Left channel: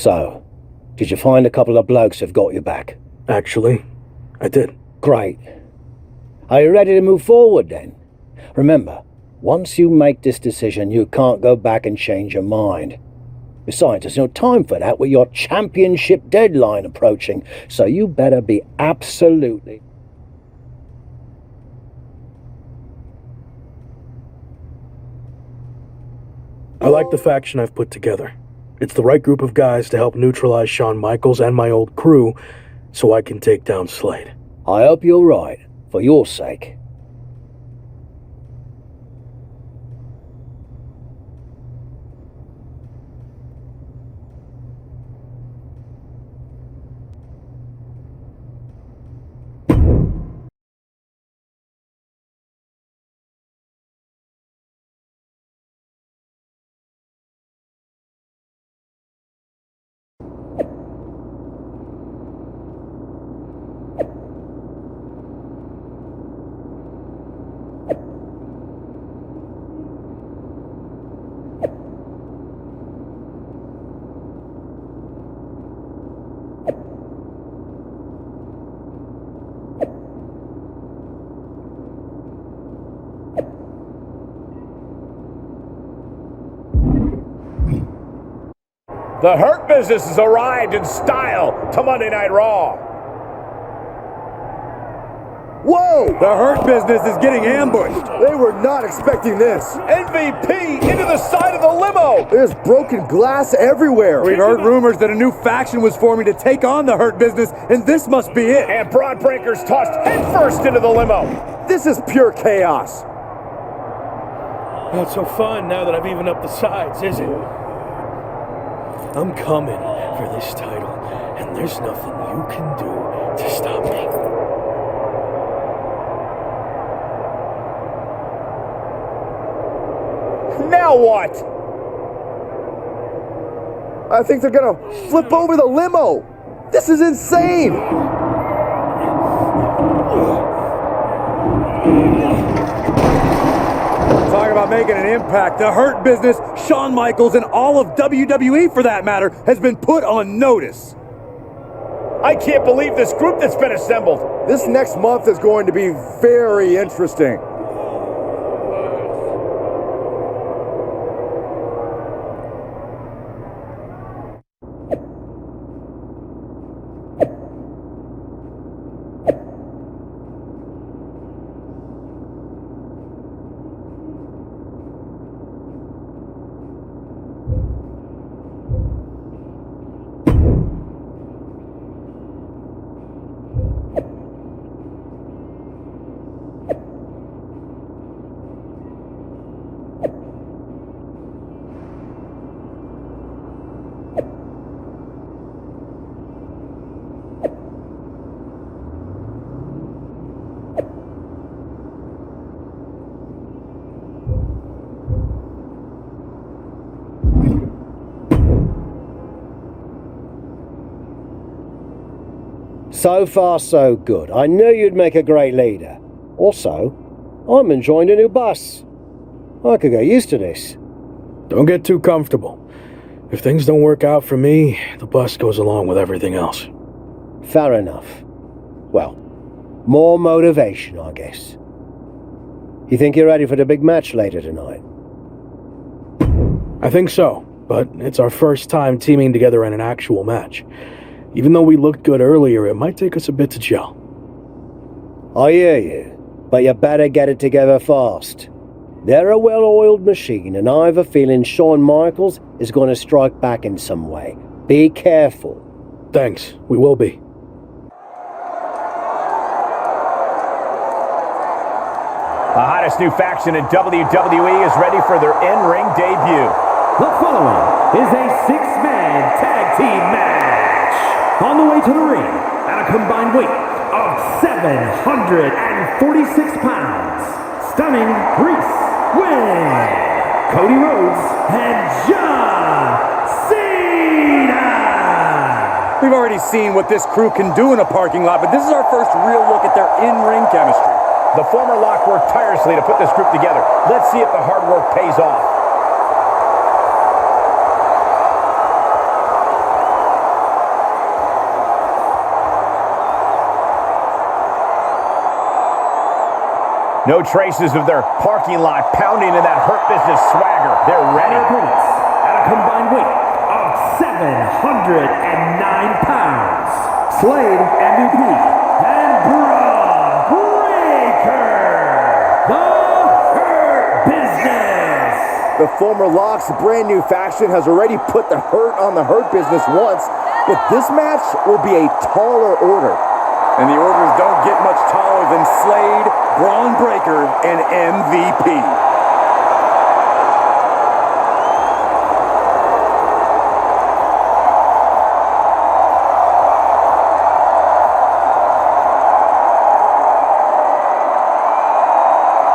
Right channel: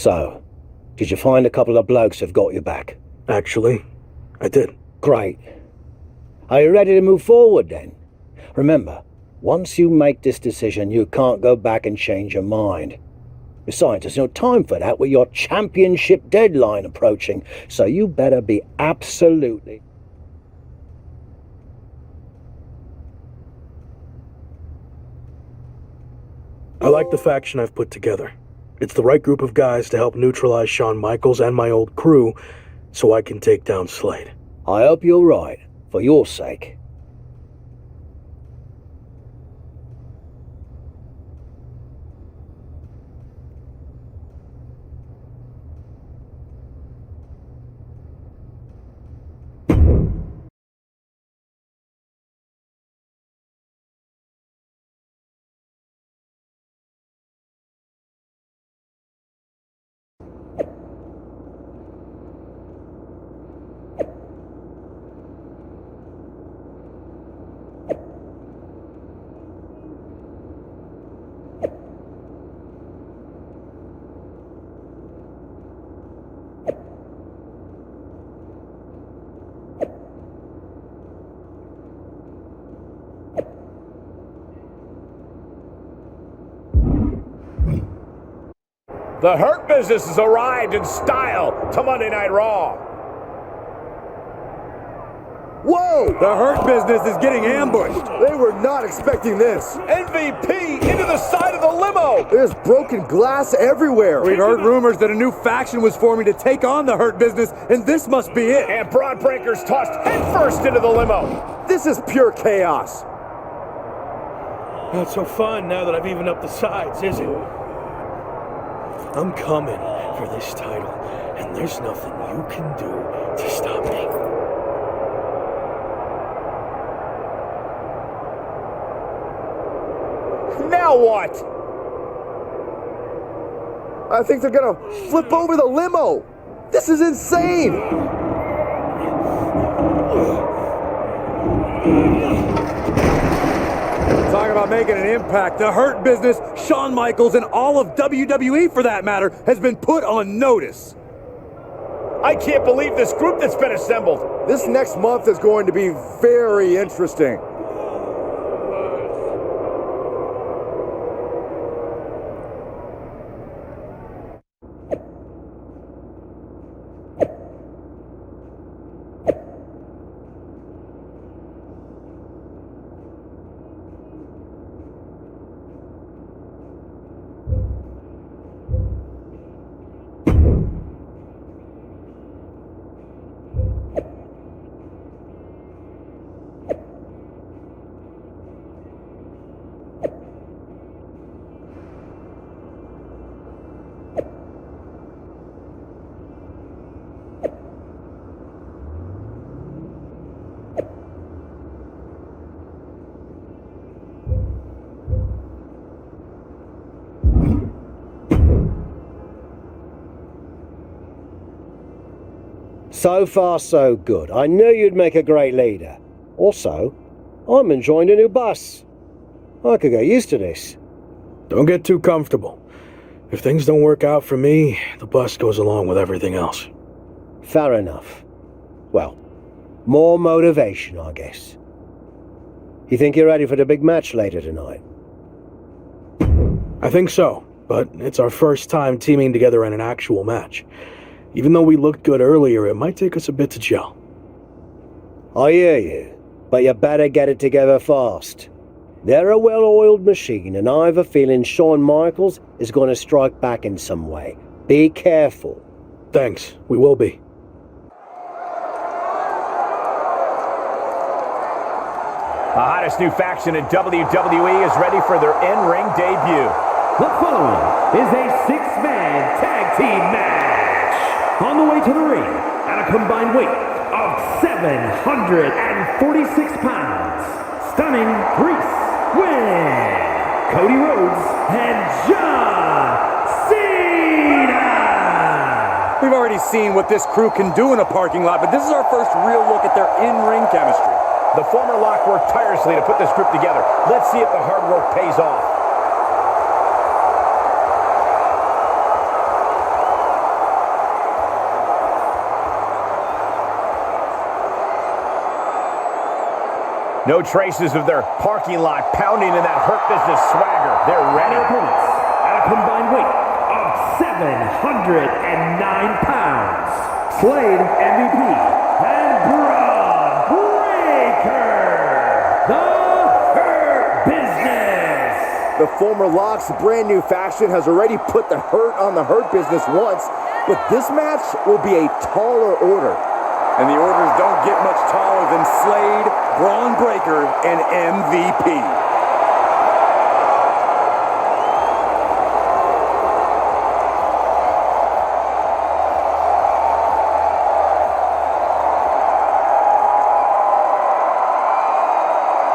So, did you find a couple of blokes who've got your back? Actually, I did. Great. Are you ready to move forward then? Remember, once you make this decision, you can't go back and change your mind. Besides, there's no time for that with your championship deadline approaching, so you better be absolutely... I like the faction I've put together. It's the right group of guys to help neutralize Shawn Michaels and my old crew, so I can take down Slade. I hope you're right, for your sake. The Hurt Business has arrived in style to Monday Night Raw. Whoa! The Hurt Business is getting ambushed. They were not expecting this. MVP into the side of the limo. There's broken glass everywhere. We've heard rumors that a new faction was forming to take on the Hurt Business, and this must be it. And Braun Breaker's tossed headfirst into the limo. This is pure chaos. Not so fun now that I've evened up the sides, is it? I'm coming for this title, and there's nothing you can do to stop me. Now what? I think they're gonna flip over the limo. This is insane. Talk about making an impact. The Hurt Business, Shawn Michaels, and all of WWE, for that matter, has been put on notice. I can't believe this group that's been assembled. This next month is going to be very interesting. So far, so good. I knew you'd make a great leader. Also, I'm enjoying a new bus. I could get used to this. Don't get too comfortable. If things don't work out for me, the bus goes along with everything else. Fair enough. Well, more motivation, I guess. You think you're ready for the big match later tonight? I think so, but it's our first time teaming together in an actual match. Even though we looked good earlier, it might take us a bit to gel. I hear you, but you better get it together fast. They're a well-oiled machine, and I have a feeling Shawn Michaels is going to strike back in some way. Be careful. Thanks, we will be. The hottest new faction in WWE is ready for their in-ring debut. The following is a six-man tag team match. On the way to the ring, at a combined weight of 746 pounds, Stunning Reese with Cody Rhodes and John Cena. We've already seen what this crew can do in a parking lot, but this is our first real look at their in-ring chemistry. The former Lock worked tirelessly to put this group together. Let's see if the hard work pays off. No traces of their parking lot pounding in that Hurt Business swagger. They're ready. Their opponents at a combined weight of 709 pounds. Slade MVP and Braun Breaker. The Hurt Business. The former Locks brand new faction has already put the hurt on the Hurt Business once, but this match will be a taller order. And the orders don't get much taller than Slade, Braun Breaker, and MVP.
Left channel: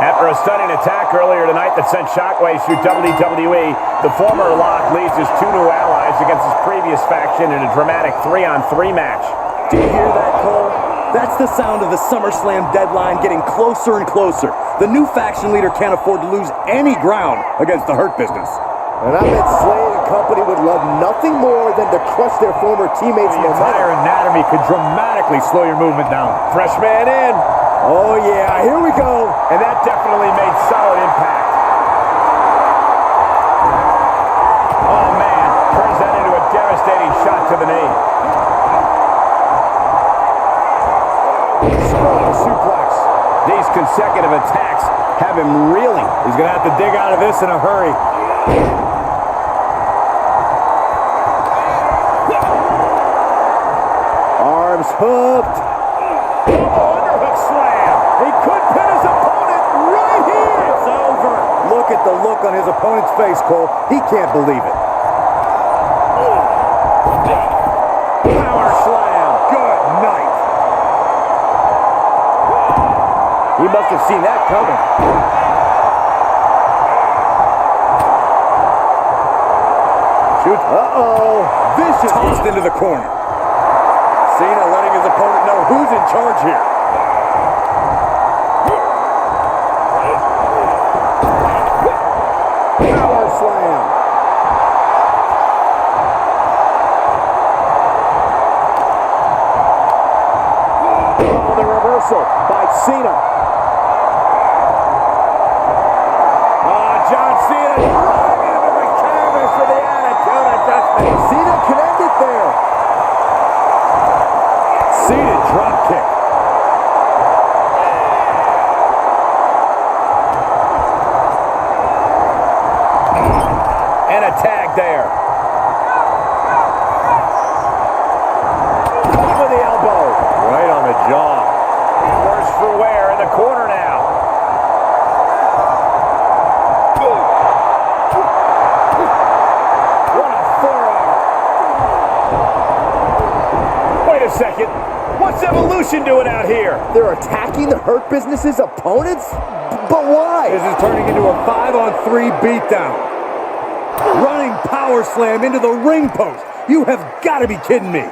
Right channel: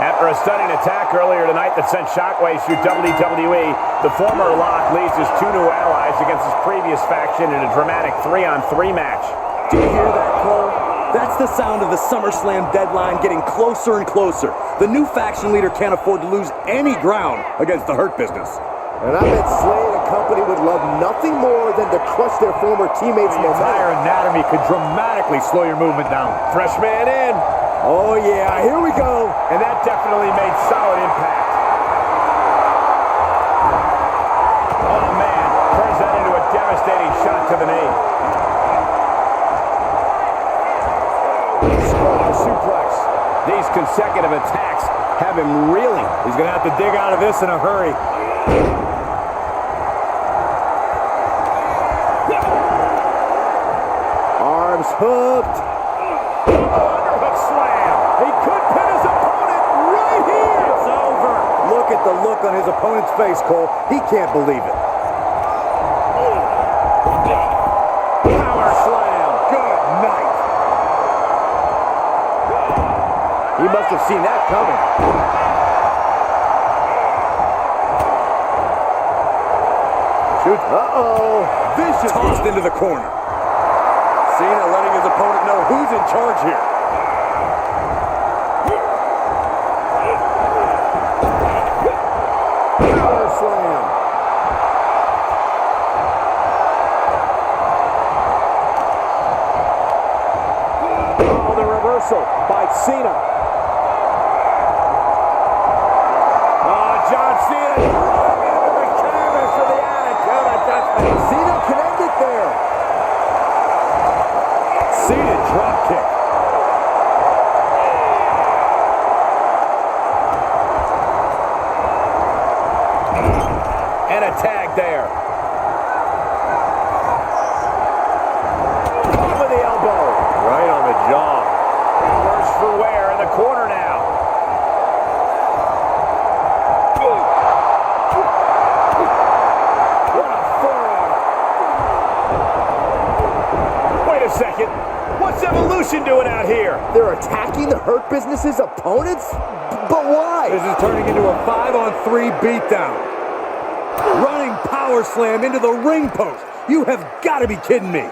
After a stunning attack earlier tonight that sent shockwaves through WWE, the former Lock leads his two new allies against his previous faction in a dramatic 3-on-3 match. Do you hear that, Cole? That's the sound of the SummerSlam deadline getting closer and closer. The new faction leader can't afford to lose any ground against the Hurt Business. And I bet Slade and company would love nothing more than to crush their former teammates' The momentum. entire anatomy could dramatically slow your movement down. Fresh man in. Oh yeah, here we go. And that definitely made solid impact. Oh, man. Turns that into a devastating shot to the knee. Strong suplex. These consecutive attacks have him reeling. He's going to have to dig out of this in a hurry. Arms hooked. Double underhook slam. He could pin his opponent right here. It's over. Look at the look on his opponent's face, Cole. He can't believe it. Power slam. Good night. He must have seen that coming. Shoot. Uh-oh. Vicious. Tossed into the corner. Cena letting his opponent know who's in charge here. Power slam. Oh, the reversal by Cena. John Cena driving into the canvas for the attitude adjustment. Cena can end it there. Seated drop kick. And a tag there. Caught with the elbow. Right on the jaw. Worse for wear in the corner now. What a forearm. Wait a second. What's Evolution doing out here? They're attacking the Hurt Business's opponents? But why? This is turning into a 5-on-3 beatdown. Running power slam into the ring post. You have got to be kidding me.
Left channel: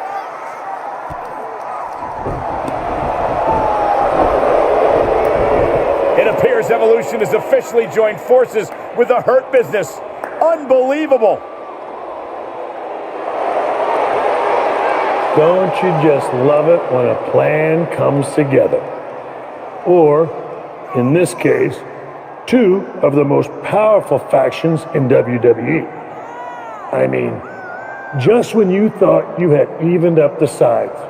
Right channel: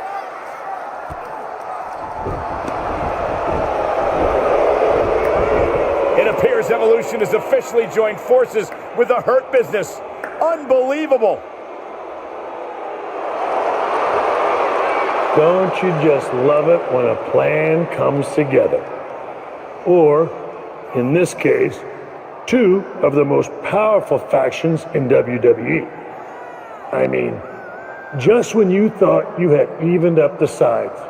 It appears Evolution has officially joined forces with the Hurt Business. Unbelievable. Don't you just love it when a plan comes together? Or, in this case, two of the most powerful factions in WWE. I mean, just when you thought you had evened up the sides,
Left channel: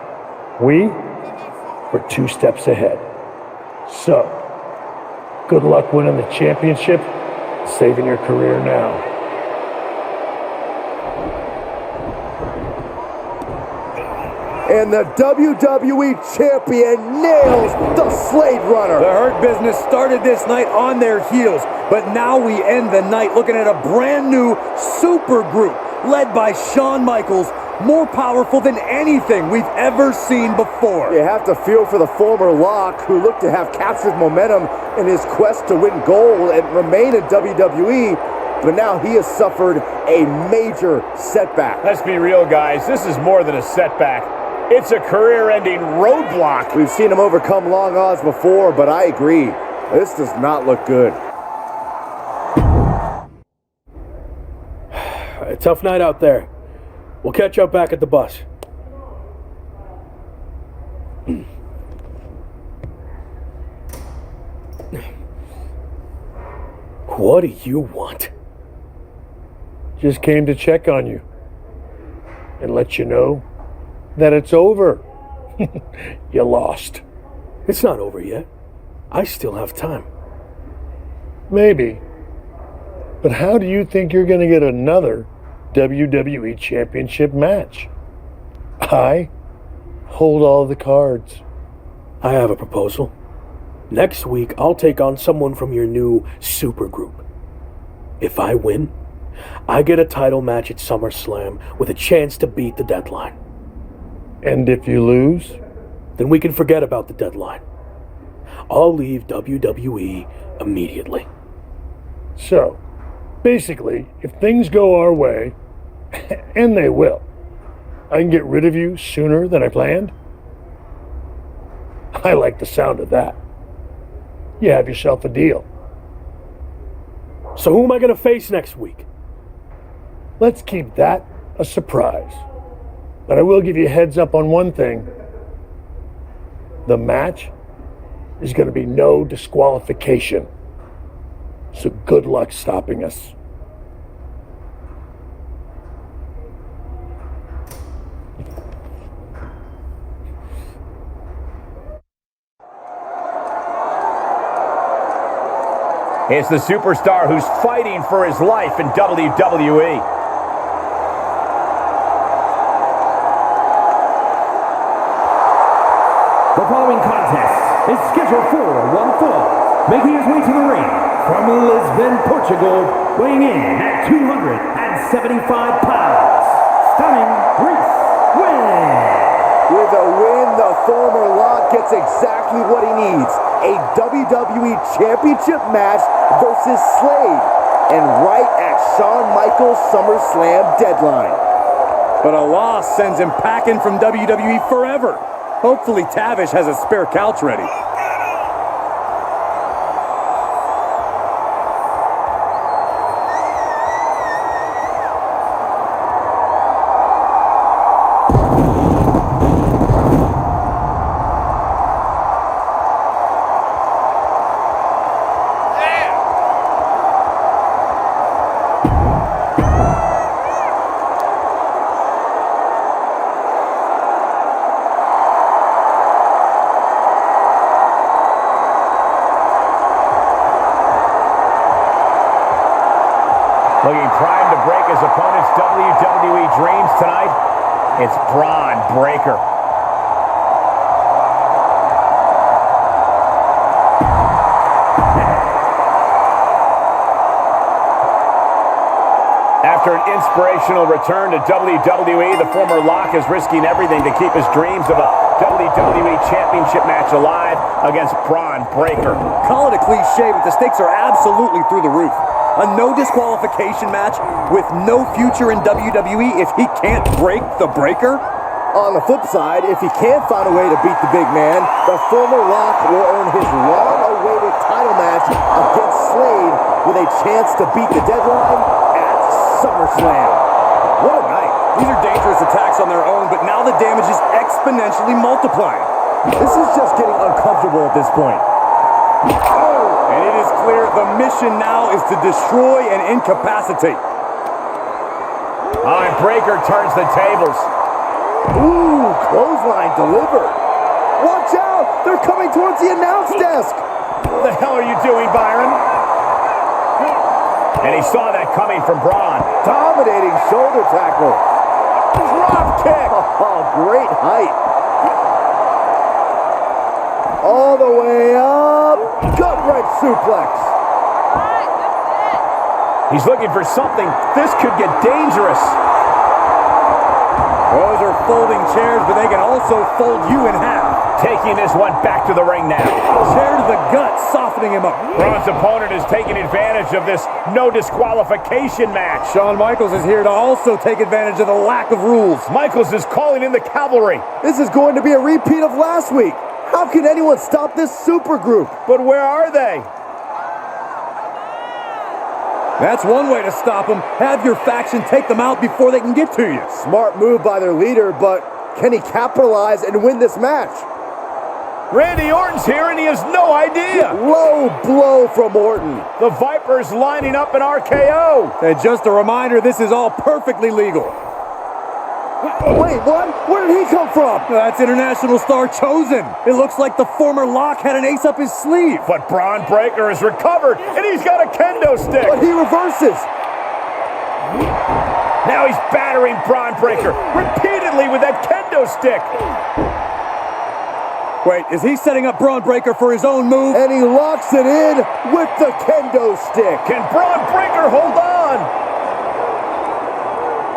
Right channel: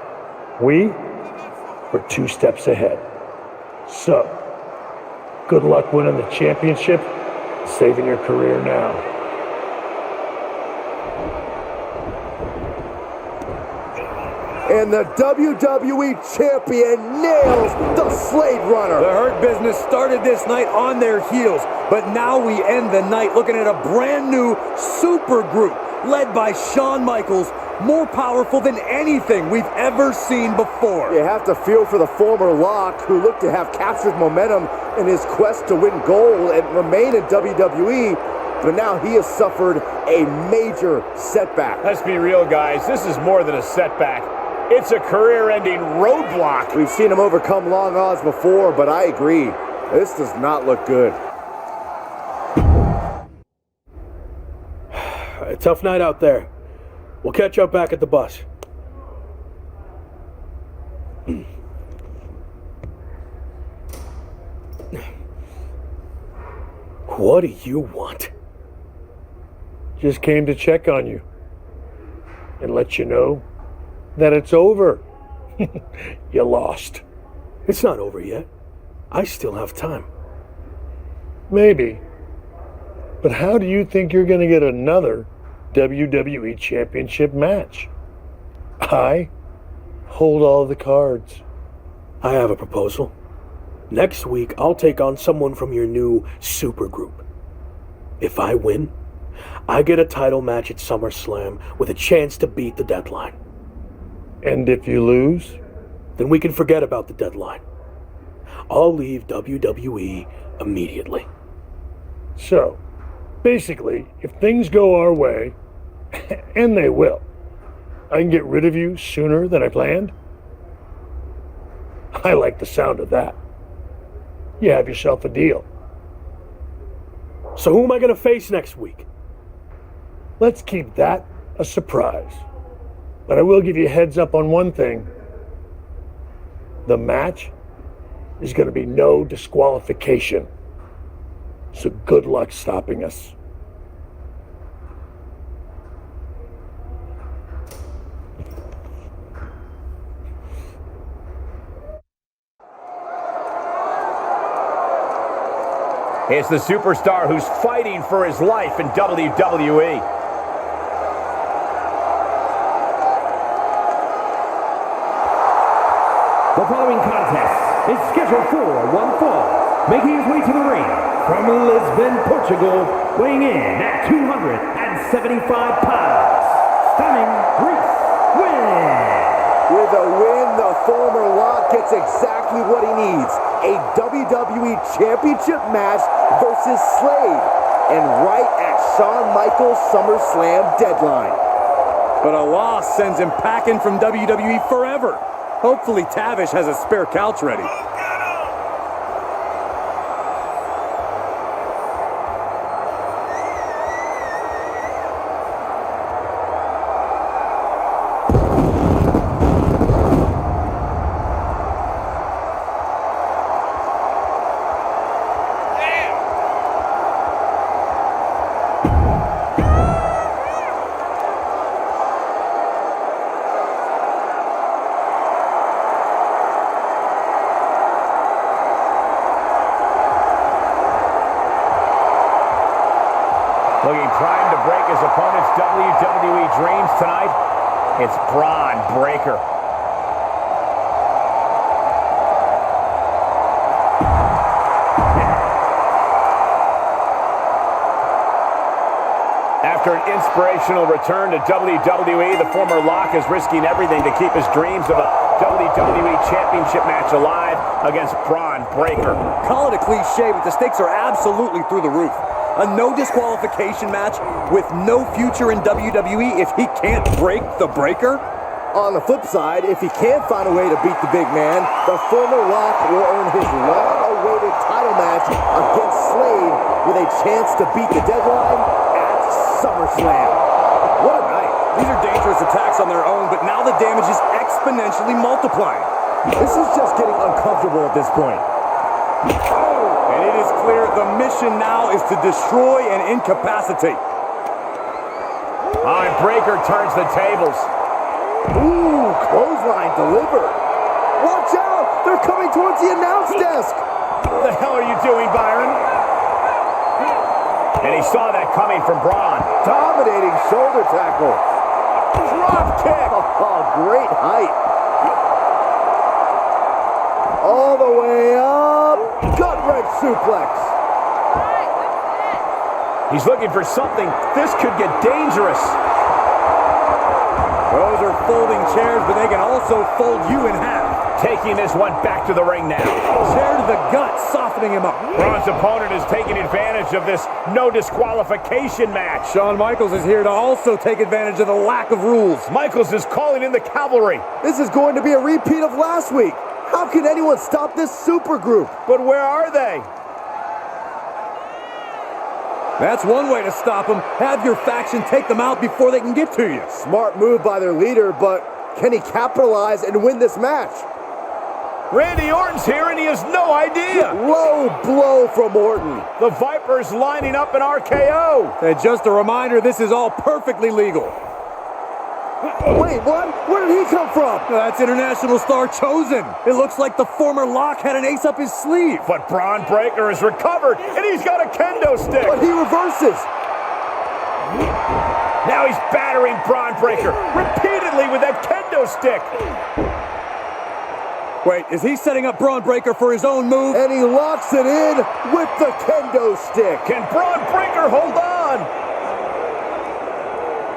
we were 2 steps ahead. So, good luck winning the championship, saving your career now. And the WWE Champion nails the Slade Runner. The Hurt Business started this night on their heels, but now we end the night looking at a brand new super group led by Shawn Michaels, more powerful than anything we've ever seen before. You have to feel for the former Lock, who looked to have captured momentum in his quest to win gold and remain in WWE, but now he has suffered a major setback. Let's be real, guys. This is more than a setback. It's a career-ending roadblock. We've seen him overcome long odds before, but I agree. This does not look good. A tough night out there. We'll catch up back at the bus. What do you want? Just came to check on you and let you know that it's over. You lost. It's not over yet. I still have time. Maybe. But how do you think you're going to get another WWE Championship match? I hold all the cards. I have a proposal. Next week, I'll take on someone from your new supergroup. If I win, I get a title match at SummerSlam with a chance to beat the deadline. And if you lose? Then we can forget about the deadline. I'll leave WWE immediately. So, basically, if things go our way, and they will, I can get rid of you sooner than I planned? I like the sound of that. You have yourself a deal. So who am I going to face next week? Let's keep that a surprise. But I will give you a heads up on one thing. The match is going to be no disqualification. So good luck stopping us. It's the superstar who's fighting for his life in WWE. The following contest is scheduled for one fall, making his way to the ring from Lisbon, Portugal, weighing in at 275 pounds, Stunning Reese Win. With a win, the former Lock gets exactly what he needs. A WWE Championship match versus Slade. And right at Shawn Michaels' SummerSlam deadline. But a loss sends him packing from WWE forever. Hopefully Tavish has a spare couch ready. Looking primed to break his opponent's WWE dreams tonight, it's Braun Breaker. After an inspirational return to WWE, the former Lock is risking everything to keep his dreams of a WWE Championship match alive against Braun Breaker. Call it a cliche, but the stakes are absolutely through the roof. A no disqualification match with no future in WWE if he can't break the Breaker? On the flip side, if he can find a way to beat the big man, the former Lock will earn his long-awaited title match against Slade with a chance to beat the deadline at SummerSlam. What a night. These are dangerous attacks on their own, but now the damage is exponentially multiplying. This is just getting uncomfortable at this point. And it is clear the mission now is to destroy and incapacitate. And Breaker turns the tables. Ooh, clothesline delivered. Watch out! They're coming towards the announce desk. What the hell are you doing, Byron? And he saw that coming from Braun. Dominating shoulder tackle. Drop kick. Oh, great height. All the way up. Gut-wrench suplex. He's looking for something. This could get dangerous. Those are folding chairs, but they can also fold you in half. Taking this one back to the ring now. Chair to the gut, softening him up. Braun's opponent is taking advantage of this no disqualification match. Shawn Michaels is here to also take advantage of the lack of rules. Michaels is calling in the cavalry. This is going to be a repeat of last week. How can anyone stop this supergroup? But where are they? That's one way to stop them. Have your faction take them out before they can get to you. Smart move by their leader, but can he capitalize and win this match? Randy Orton's here and he has no idea. Low blow from Orton. The Viper's lining up an RKO. And just a reminder, this is all perfectly legal. Wait, what? Where did he come from? That's international star Chosen. It looks like the former Lock had an ace up his sleeve. But Braun Breaker has recovered and he's got a kendo stick. But he reverses. Now he's battering Braun Breaker repeatedly with that kendo stick. Wait, is he setting up Braun Breaker for his own move? And he locks it in with the kendo stick. Can Braun Breaker hold on?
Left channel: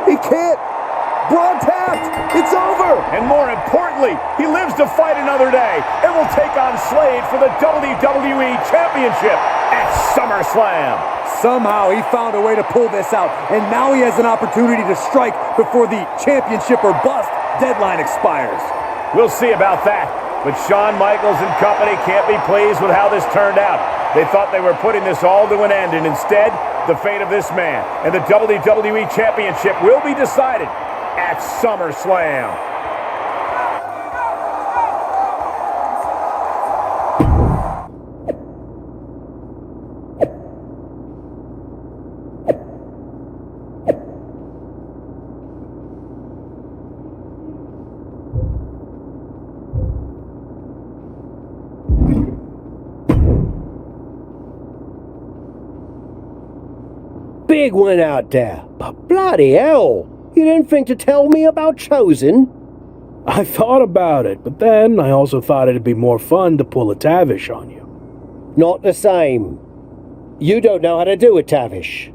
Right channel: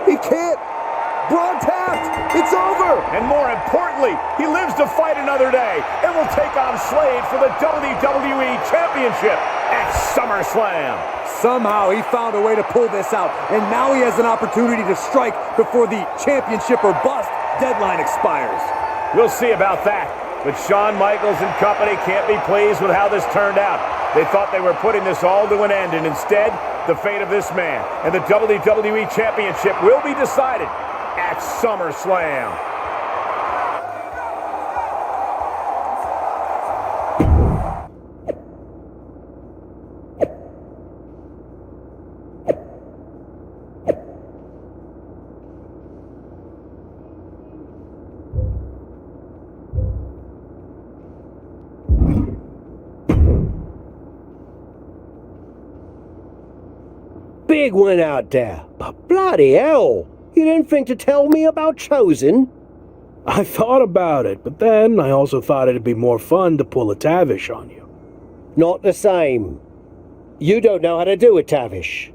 He can't. Braun tapped. It's over. And more importantly, he lives to fight another day and will take on Slade for the WWE Championship at SummerSlam. Somehow he found a way to pull this out, and now he has an opportunity to strike before the championship or bust deadline expires. We'll see about that. But Shawn Michaels and company can't be pleased with how this turned out. They thought they were putting this all to an end, and instead, the fate of this man and the WWE Championship will be decided at SummerSlam. Big one out there, but bloody hell, you didn't think to tell me about Chosen? I thought about it, but then I also thought it'd be more fun to pull a Tavish on you. Not the same. You don't know how to do it, Tavish.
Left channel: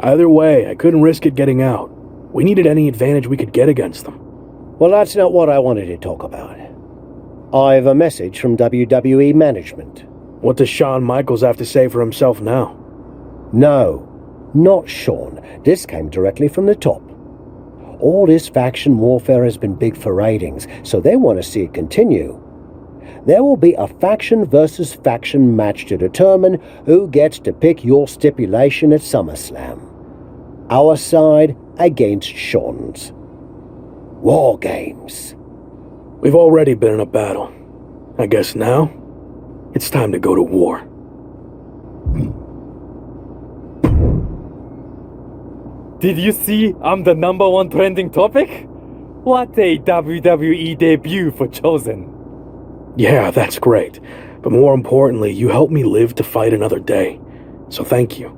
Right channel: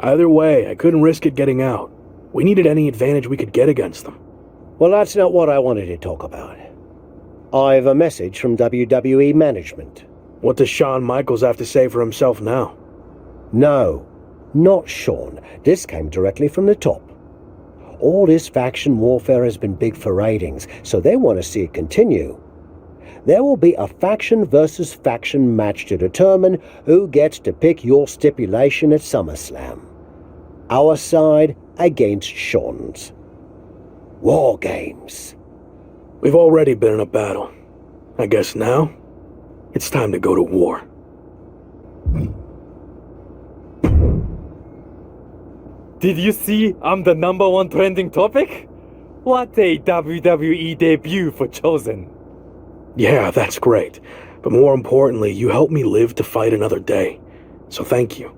Either way, I couldn't risk it getting out. We needed any advantage we could get against them. Well, that's not what I wanted to talk about. I have a message from WWE management. What does Shawn Michaels have to say for himself now? No, not Shawn. This came directly from the top. All this faction warfare has been big for ratings, so they want to see it continue. There will be a faction versus faction match to determine who gets to pick your stipulation at SummerSlam. Our side against Shawn's. War games. We've already been in a battle. I guess now, it's time to go to war. Did you see I'm the #1 trending topic? What a WWE debut for Chosen. Yeah, that's great. But more importantly, you helped me live to fight another day. So thank you.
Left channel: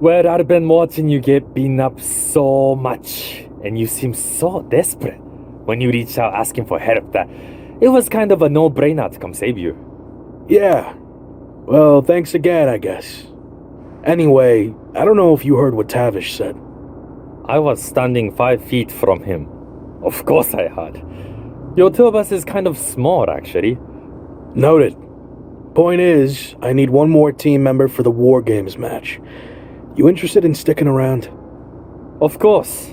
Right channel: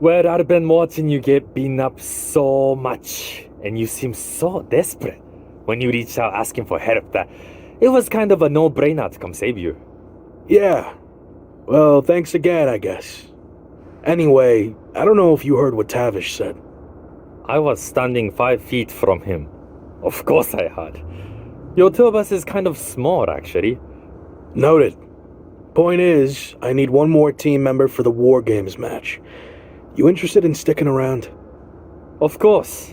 Well, I've been watching you get beaten up so much, and you seem so desperate when you reached out asking for help that it was kind of a no-brainer to come save you. Yeah. Well, thanks again, I guess. Anyway, I don't know if you heard what Tavish said. I was standing 5 feet from him. Of course I had. Your two of us is kind of small, actually. Noted. Point is, I need one more team member for the War Games match. You interested in sticking around? Of course.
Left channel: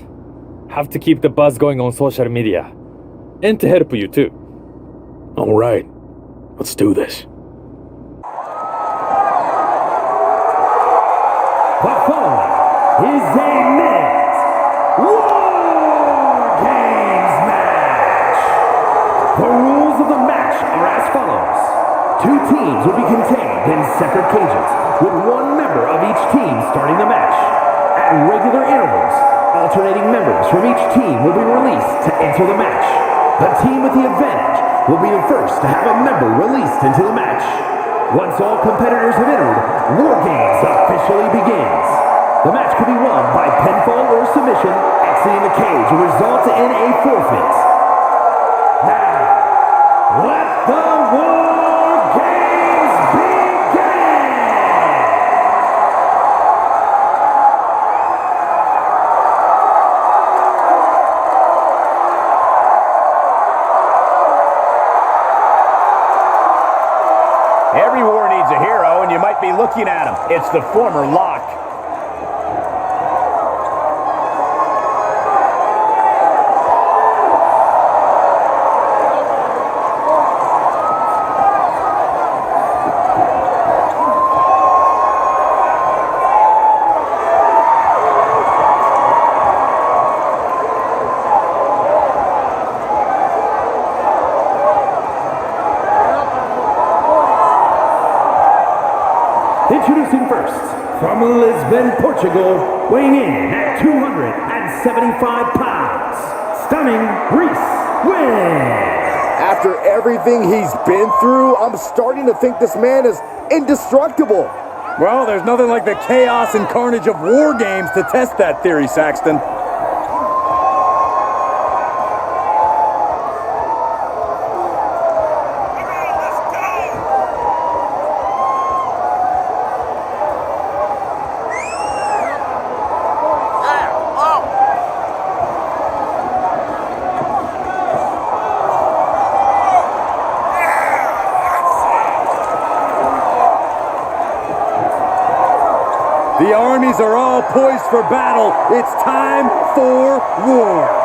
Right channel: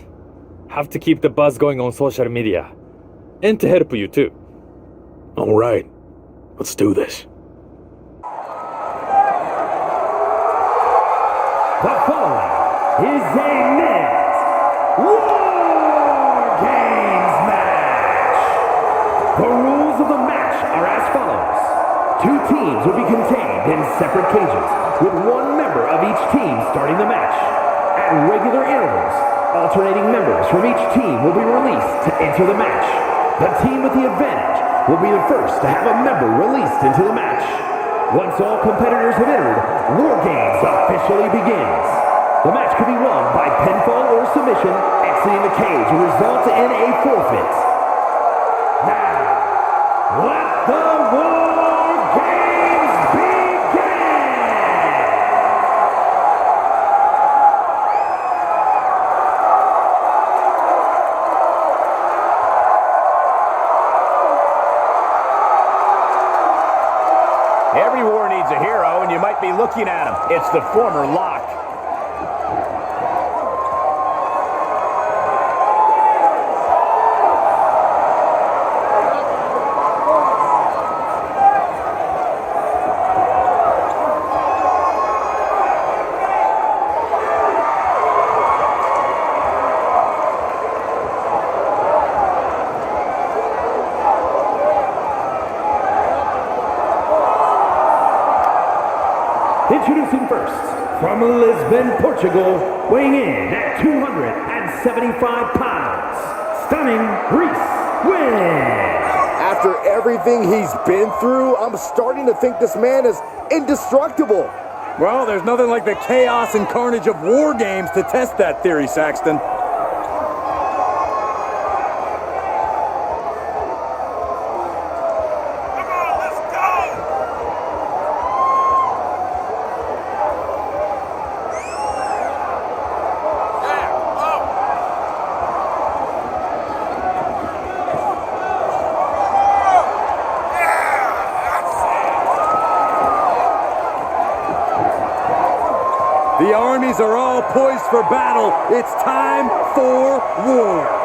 Have to keep the buzz going on social media. And to help you too. Alright. Let's do this. The following is a men's War Games match. The rules of the match are as follows. 2 teams will be contained in separate cages, with 1 member of each team starting the match. At regular intervals, alternating members from each team will be released to enter the match. The team with the advantage will be the first to have a member released into the match. Once all competitors have entered, War Games officially begins. The match can be won by pinfall or submission. Exiting the cage will result in a forfeit. Now, let the War Games begin! Every war needs a hero, and you might be looking at him. It's the former Lock. Introducing first, from Lisbon, Portugal, weighing in at 275 pounds, Stunning Reese Win. After everything he's been through, I'm starting to think this man is indestructible. Well, there's nothing like the chaos and carnage of war games to test that theory, Saxton. The armies are all poised for battle. It's time for war.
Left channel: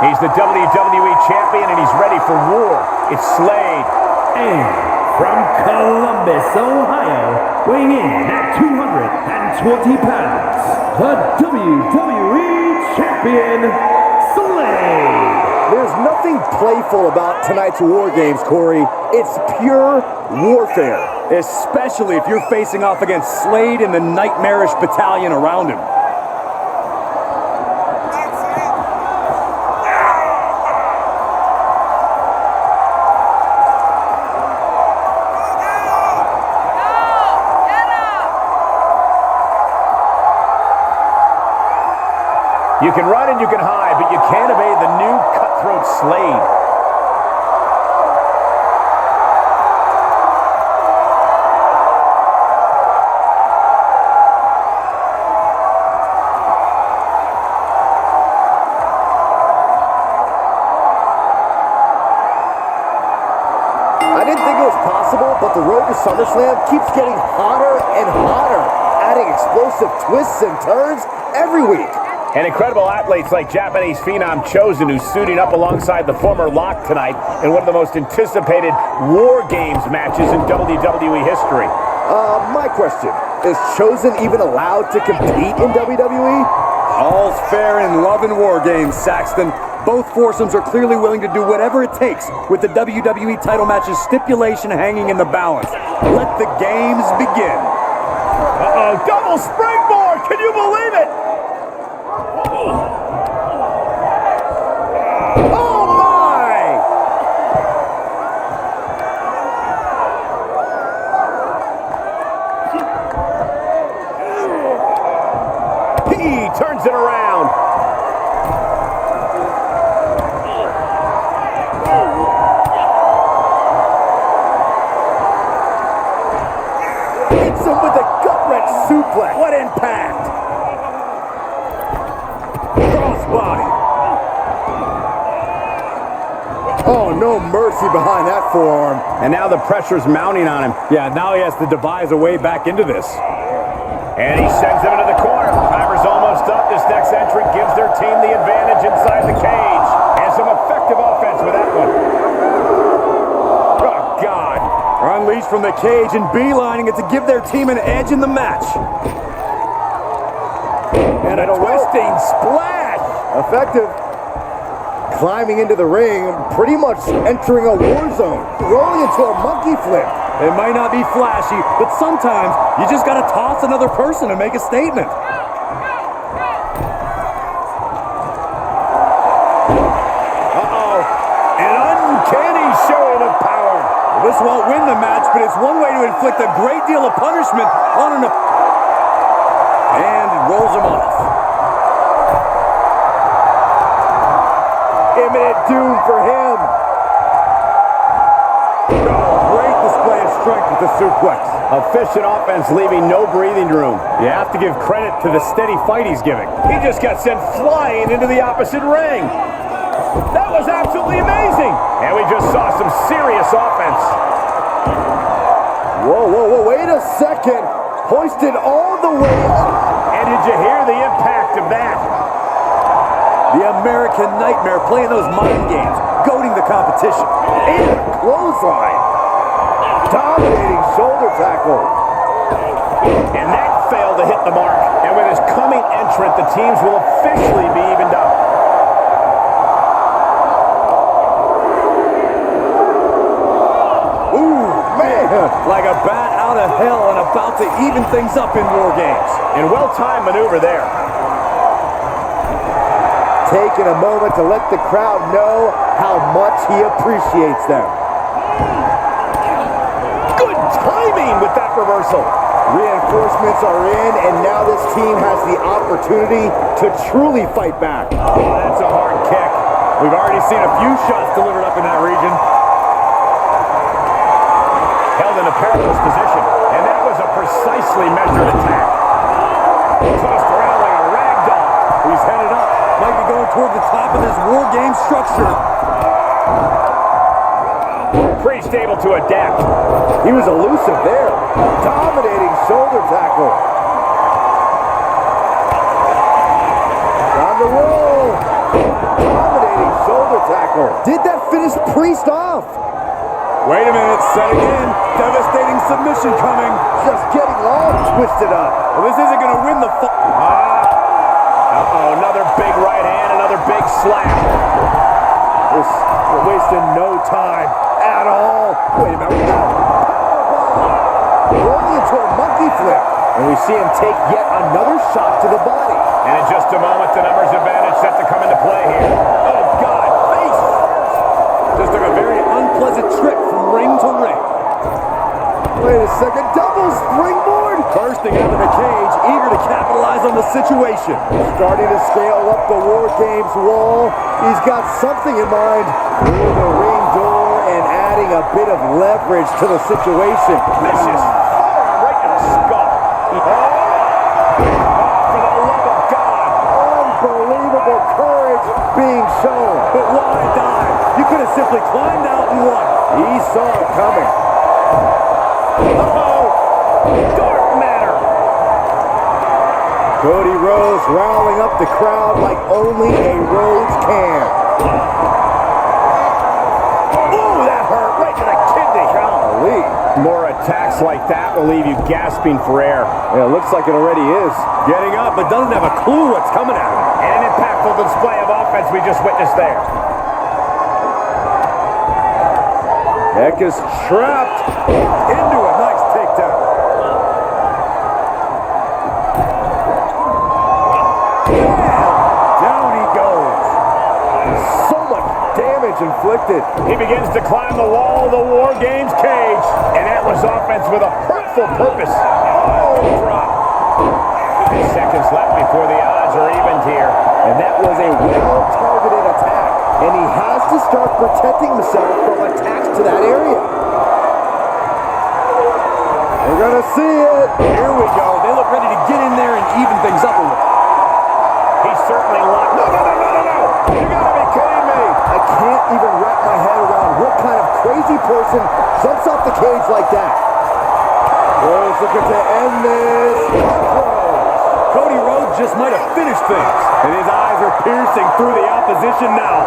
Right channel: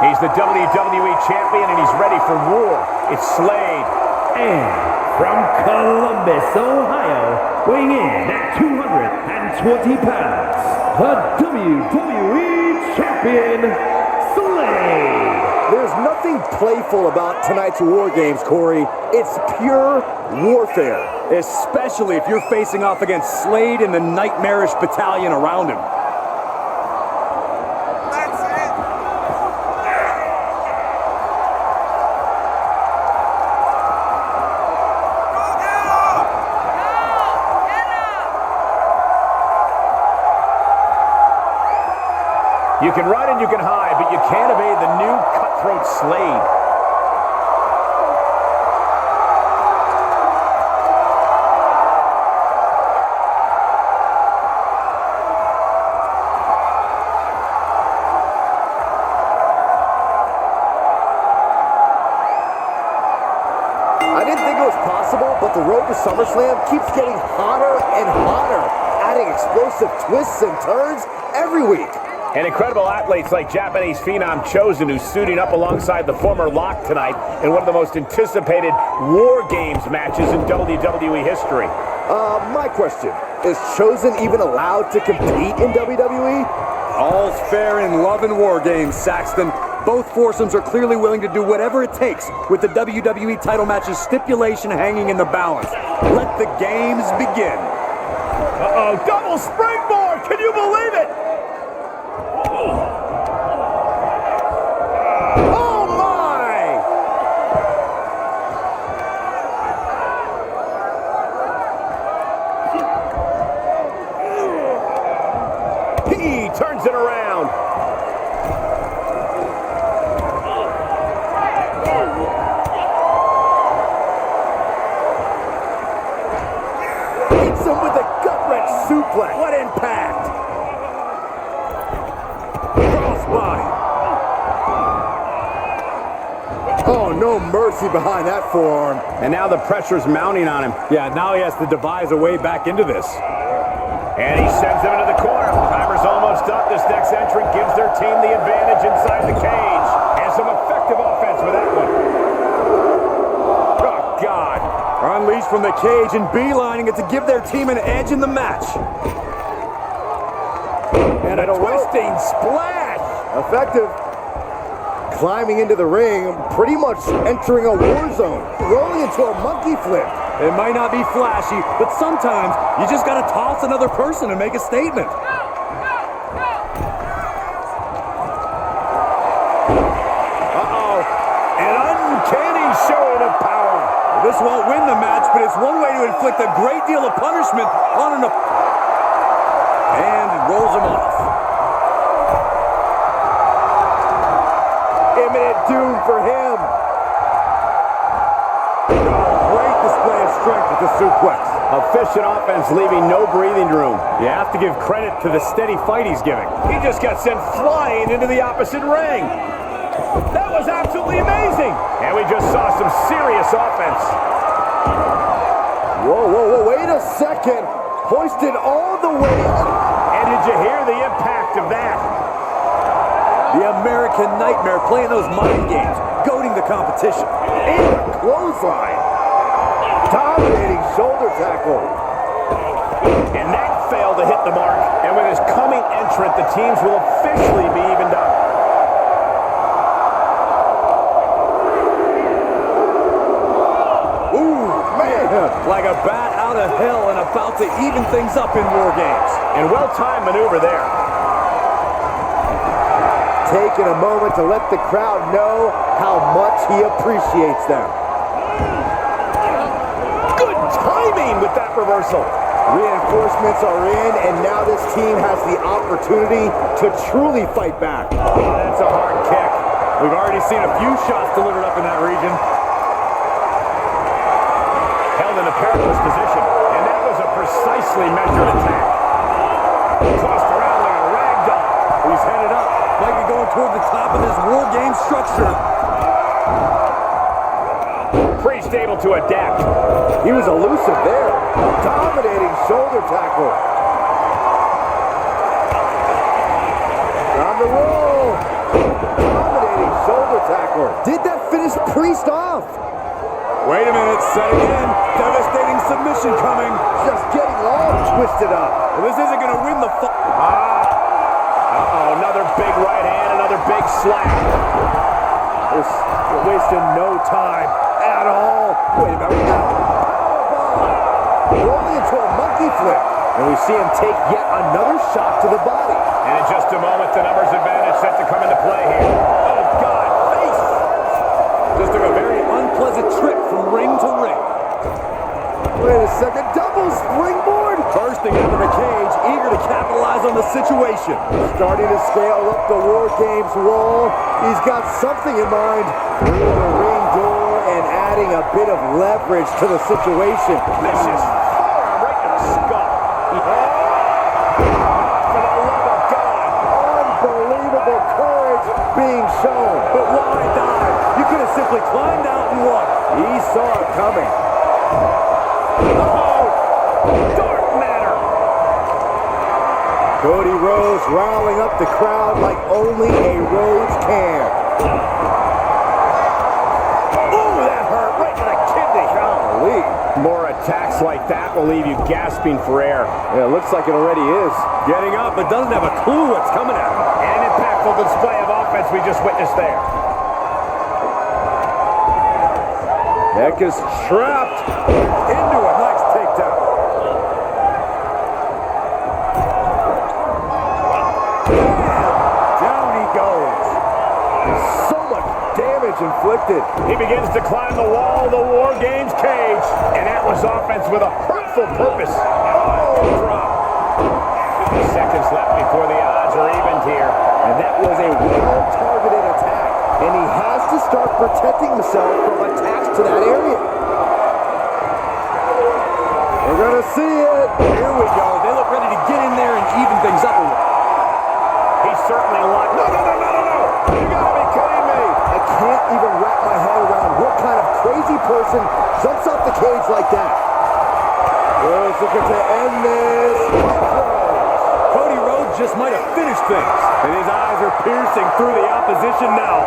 He's the WWE champion, and he's ready for war. It's Slade. And from Columbus, Ohio, weighing in at 220 pounds, the WWE champion, Slade. There's nothing playful about tonight's War Games, Corey. It's pure warfare. Especially if you're facing off against Slade and the nightmarish battalion around him. You can run and you can hide, but you can't evade the new cutthroat Slade. I didn't think it was possible, but the road to SummerSlam keeps getting hotter and hotter, adding explosive twists and turns every week. And incredible athletes like Japanese phenom Chosen, who's suiting up alongside the former Lock tonight in one of the most anticipated War Games matches in WWE history. My question, is Chosen even allowed to compete in WWE? All's fair in love and war games, Saxton. Both foursomes are clearly willing to do whatever it takes with the WWE title match's stipulation hanging in the balance. Let the games begin. Uh-oh, double springboard! Can you believe it? Oh my! He turns it around. Hits him with a gut-wrench suplex. What impact! Crossbody. Oh, no mercy behind that forearm. And now the pressure's mounting on him. Yeah, now he has to devise a way back into this. And he sends him into the corner. Timer's almost up. This next entrant gives their team the advantage inside the cage. And some effective offense with that one. Oh, God. Unleashed from the cage and beelining it to give their team an edge in the match. And a twisting splash. Effective. Climbing into the ring, pretty much entering a war zone. Rolling into a monkey flip. It might not be flashy, but sometimes you just gotta toss another person and make a statement. Uh-oh. An uncanny showing of power. Well, this won't win the match, but it's one way to inflict a great deal of punishment on an opponent. And it rolls him off. Imminent doom for him. Great display of strength with the suplex. Efficient offense, leaving no breathing room. You have to give credit to the steady fight he's giving. He just got sent flying into the opposite ring. That was absolutely amazing. And we just saw some serious offense. Whoa, whoa, whoa, wait a second. hoisted all the way up. And did you hear the impact of that? The American Nightmare playing those mind games, goading the competition. And a clothesline. Dominating shoulder tackle. And that failed to hit the mark. And with his coming entrant, the teams will officially be evened up. Ooh, man, like a bat out of hell and about to even things up in War Games. And well-timed maneuver there. Taking a moment to let the crowd know how much he appreciates them. Good timing with that reversal. Reinforcements are in, and now this team has the opportunity to truly fight back. Oh, that's a hard kick. We've already seen a few shots delivered up in that region. Held in a perilous position, and that was a precisely measured attack. Tossed around like a rag doll. He's headed up. Might be going toward the top of this War Game structure. Priest able to adapt. He was elusive there. Dominating shoulder tackle. On the roll. Dominating shoulder tackle. Did that finish Priest off? Wait a minute, setting in. Devastating submission coming. Just getting all twisted up. Well, this isn't going to win the fight. Uh-oh, another big right hand, another big slap. We're wasting no time at all. Wait a minute, we got a power bomb. Rolling into a monkey flip. And we see him take yet another shot to the body. And in just a moment, the numbers advantage set to come into play here. Oh, God, face first. Just took a very unpleasant trip from ring to ring. Wait a second, double springboard. Bursting out of the cage, eager to capitalize on the situation. Starting to scale up the War Games wall. He's got something in mind. Through the ring door and adding a bit of leverage to the situation. Vicious forearm right to the skull. Oh, for the love of God. Unbelievable courage being shown. But why dive? You could have simply climbed out and won. He saw it coming. Uh-oh, dark matter. Cody Rhodes riling up the crowd like only a Rhodes can. Ooh, that hurt right to the kidney. Golly. More attacks like that will leave you gasping for air. Yeah, it looks like it already is. Getting up, but doesn't have a clue what's coming at him. And an impactful display of offense we just witnessed there. Neck is trapped. Into a nice takedown. Bam! Down he goes. So much damage inflicted. He begins to climb the wall of the War Games cage. And that was offense with a hurtful purpose. Oh, drop. Seconds left before the odds are evened here. And that was a well-targeted attack. And he has to start protecting himself from attacks to that area. We're gonna see it. Here we go. They look ready to get in there and even things up a little. He's certainly locked. No. You gotta be kidding me. I can't even wrap my head around what kind of crazy person jumps off the cage like that. Rhodes looking to end this. Cody Rhodes just might have finished things. And his eyes are piercing through the opposition now.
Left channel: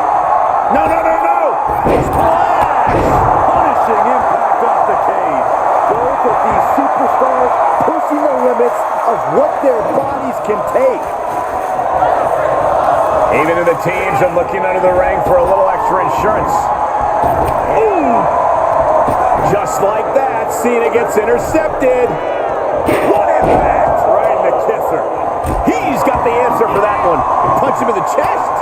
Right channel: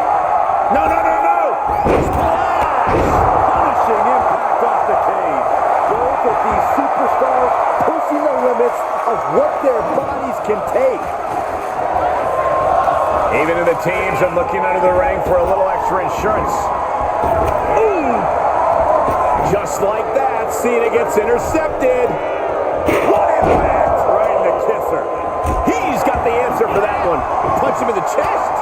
No. Splash! Punishing impact off the cage. Both of these superstars pushing the limits of what their bodies can take. Even the teams are looking under the ring for a little extra insurance. Ooh! Just like that, Cena gets intercepted. What impact! Right in the kisser. He's got the answer for that one. Punch him in the chest.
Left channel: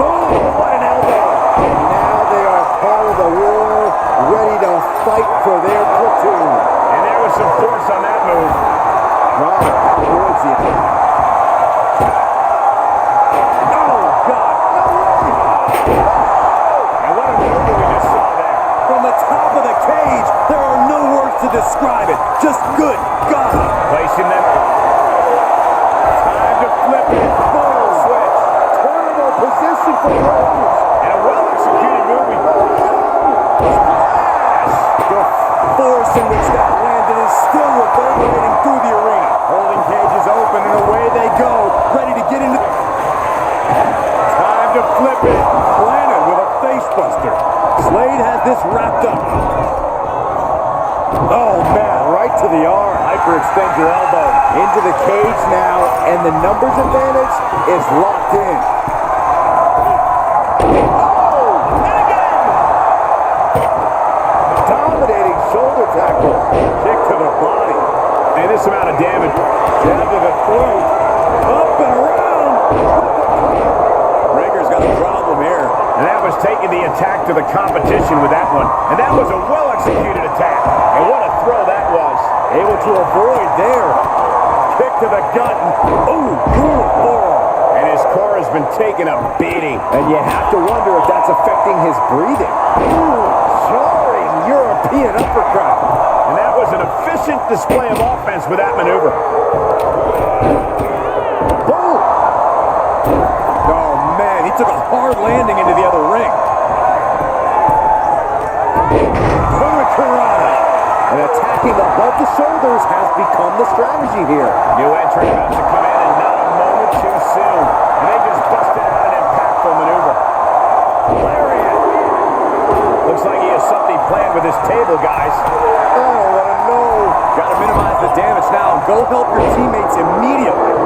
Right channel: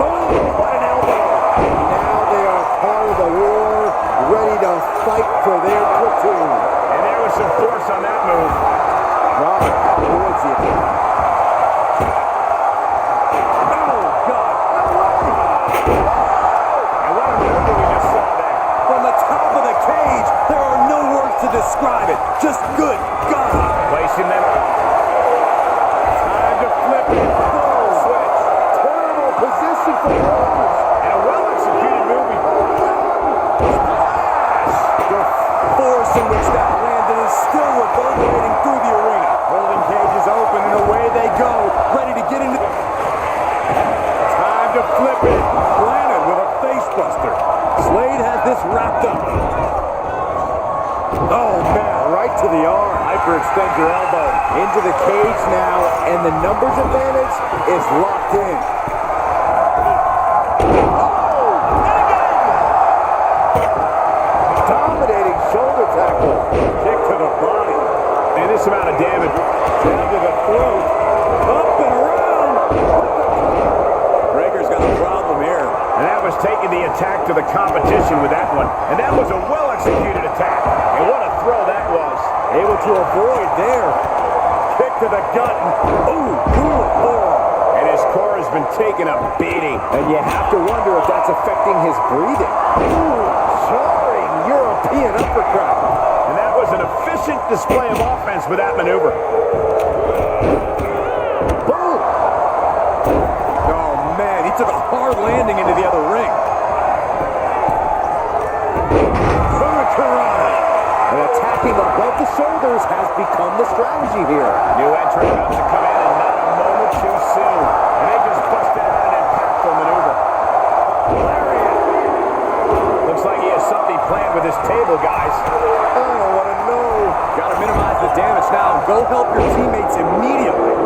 Boom! What an elbow! And now they are part of the war, ready to fight for their platoon. And there was some force on that move. Ron avoids the attack. Oh, God! No way! And what a maneuver we just saw there. From the top of the cage, there are no words to describe it. Just good God! Placing them. Time to flip it. Full switch. Terrible position for Rhodes. And a well-executed move. Oh, no! Splash! The force in which that landed is still reverberating through the arena. Holding cages open and away they go, ready to get into... Time to flip it. Planted with a facebuster. Slade has this wrapped up. Oh, man, right to the arm. Hyperextend your elbow. Into the cage now, and the numbers advantage is locked in. Oh, and again. Dominating shoulder tackle. Kick to the body. And this amount of damage. Down to the throat. Up and around. Rager's got a problem here. And that was taking the attack to the competition with that one. And that was a well-executed attack. And what a throw that was. Able to avoid there. Kick to the gut. Ooh, brutal forearm. And his core has been taking a beating. And you have to wonder if that's affecting his breathing. Ooh, jarring European uppercut. And that was an efficient display of offense with that maneuver. Boom! Oh, man, he took a hard landing into the other ring. Hurricanrana. And attacking above the shoulders has become the strategy here. New entrant about to come in and not a moment too soon. And they just busted out an impactful maneuver. Lariat. Looks like he has something planned with his table, guys. I don't want to know. Got to minimize the damage now and go help your teammates immediately.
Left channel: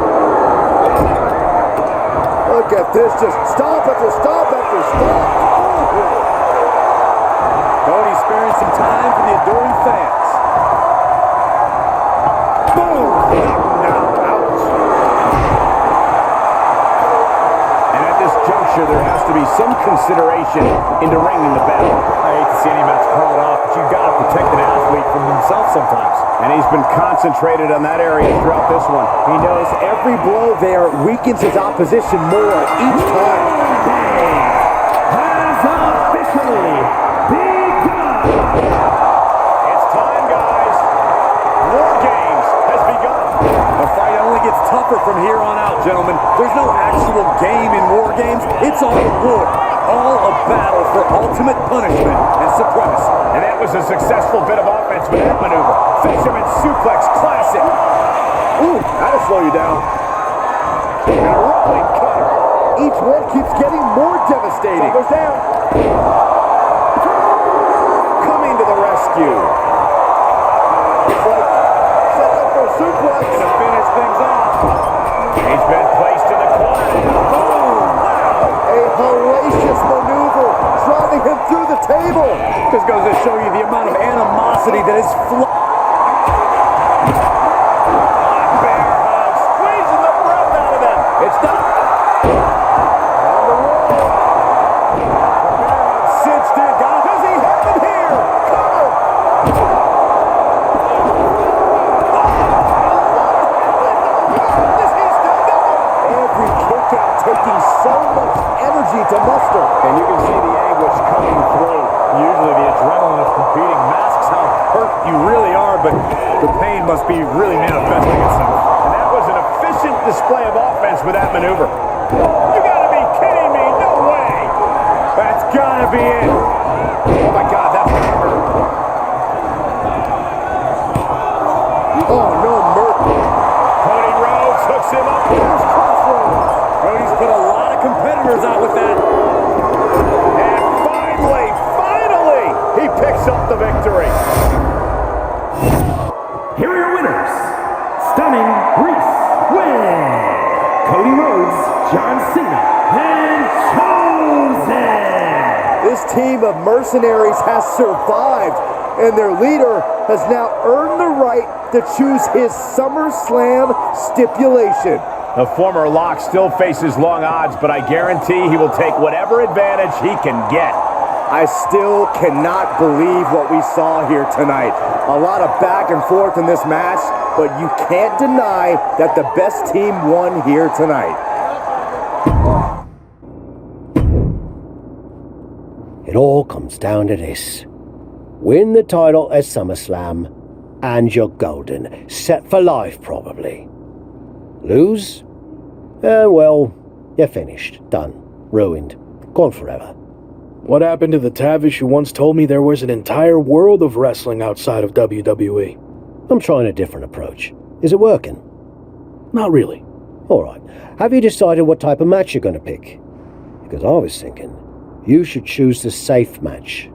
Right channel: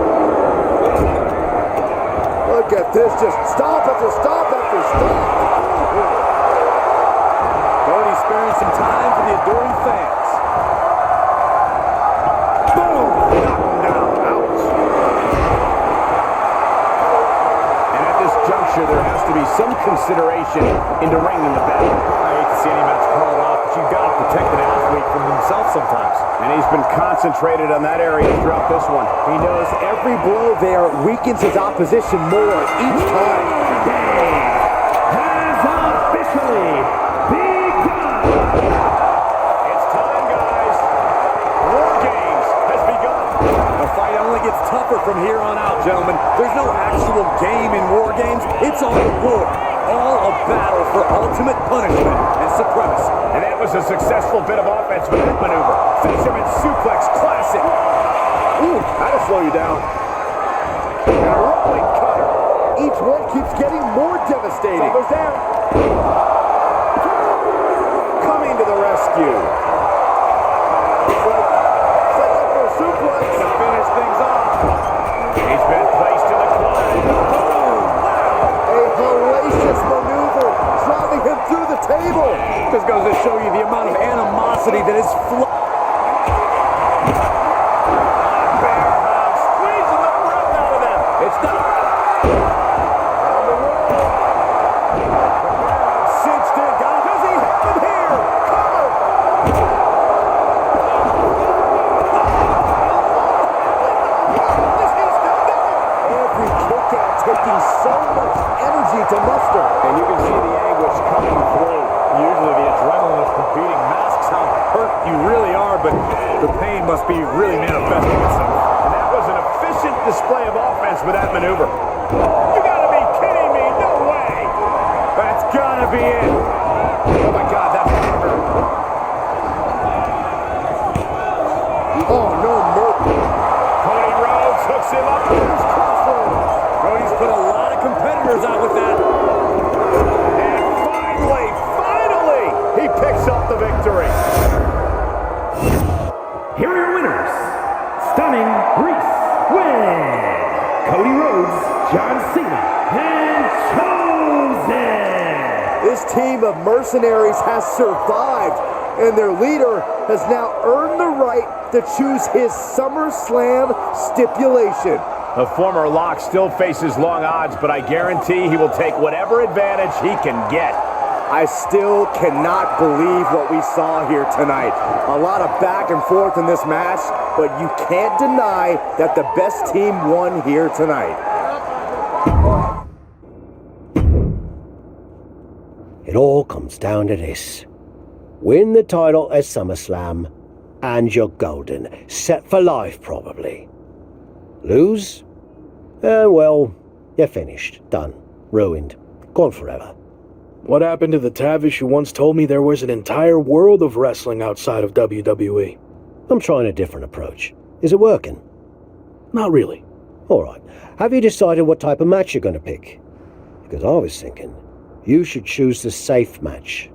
Look at this, just stop after stop after stop. Ooh. Cody sparing some time for the adoring fans. Boom! Knock him down. Ouch. And at this juncture, there has to be some consideration into ringing the bell. I hate to see any match called off, but you've got to protect an athlete from himself sometimes. And he's been concentrated on that area throughout this one. He knows every blow there weakens his opposition more each time. Has officially begun. It's time, guys. War Games has begun. The fight only gets tougher from here on out, gentlemen. There's no actual game in War Games. It's all war. All a battle for ultimate punishment and supremacy. And that was a successful bit of offense with that maneuver. Fisherman suplex classic. Ooh, That'll slow you down. And a rolling cutter. each one keeps getting more devastating. Shoulders down. Coming to the rescue. It's like setting up for a suplex. To finish things off. He's been placed in the corner. Boom! Wow! A hellacious maneuver, driving him through the table. This goes to show you the amount of animosity that is Bear hug, squeezing the breath out of them. It's done. On the roll. The bear hug cinched in. Does he have it here? Cover. Every kick out taking so much energy to muster. And you can see the anguish coming through. usually the adrenaline of competing masks how hurt you really are, but the pain must be really manifesting itself. And that was an efficient display of offense with that maneuver. You gotta be kidding me, no way! That's gotta be it. Oh my God, that's gotta hurt. Oh no, Merton. Cody Rhodes hooks him up. There's Crossroads. Cody's put a lot of competitors out with that. And finally, he picks up the victory. Here are your winners. Stunning Reese win. Cody Rhodes, John Cena, and Chosen. This team of mercenaries has survived, and their leader has now earned the right to choose his SummerSlam stipulation. The former Lock still faces long odds, but I guarantee he will take whatever advantage he can get. I still cannot believe what we saw here tonight. A lot of back and forth in this match, but you can't deny that the best team won here tonight. It all comes down to this. Win the title at SummerSlam, and you're golden. Set for life, probably. Lose? Well, you're finished. Done. Ruined. Gone forever. What happened to the Tavish who once told me there was an entire world of wrestling outside of WWE? I'm trying a different approach. Is it working? Not really. All right. Have you decided what type of match you're going to pick? Because I was thinking you should choose the safe match.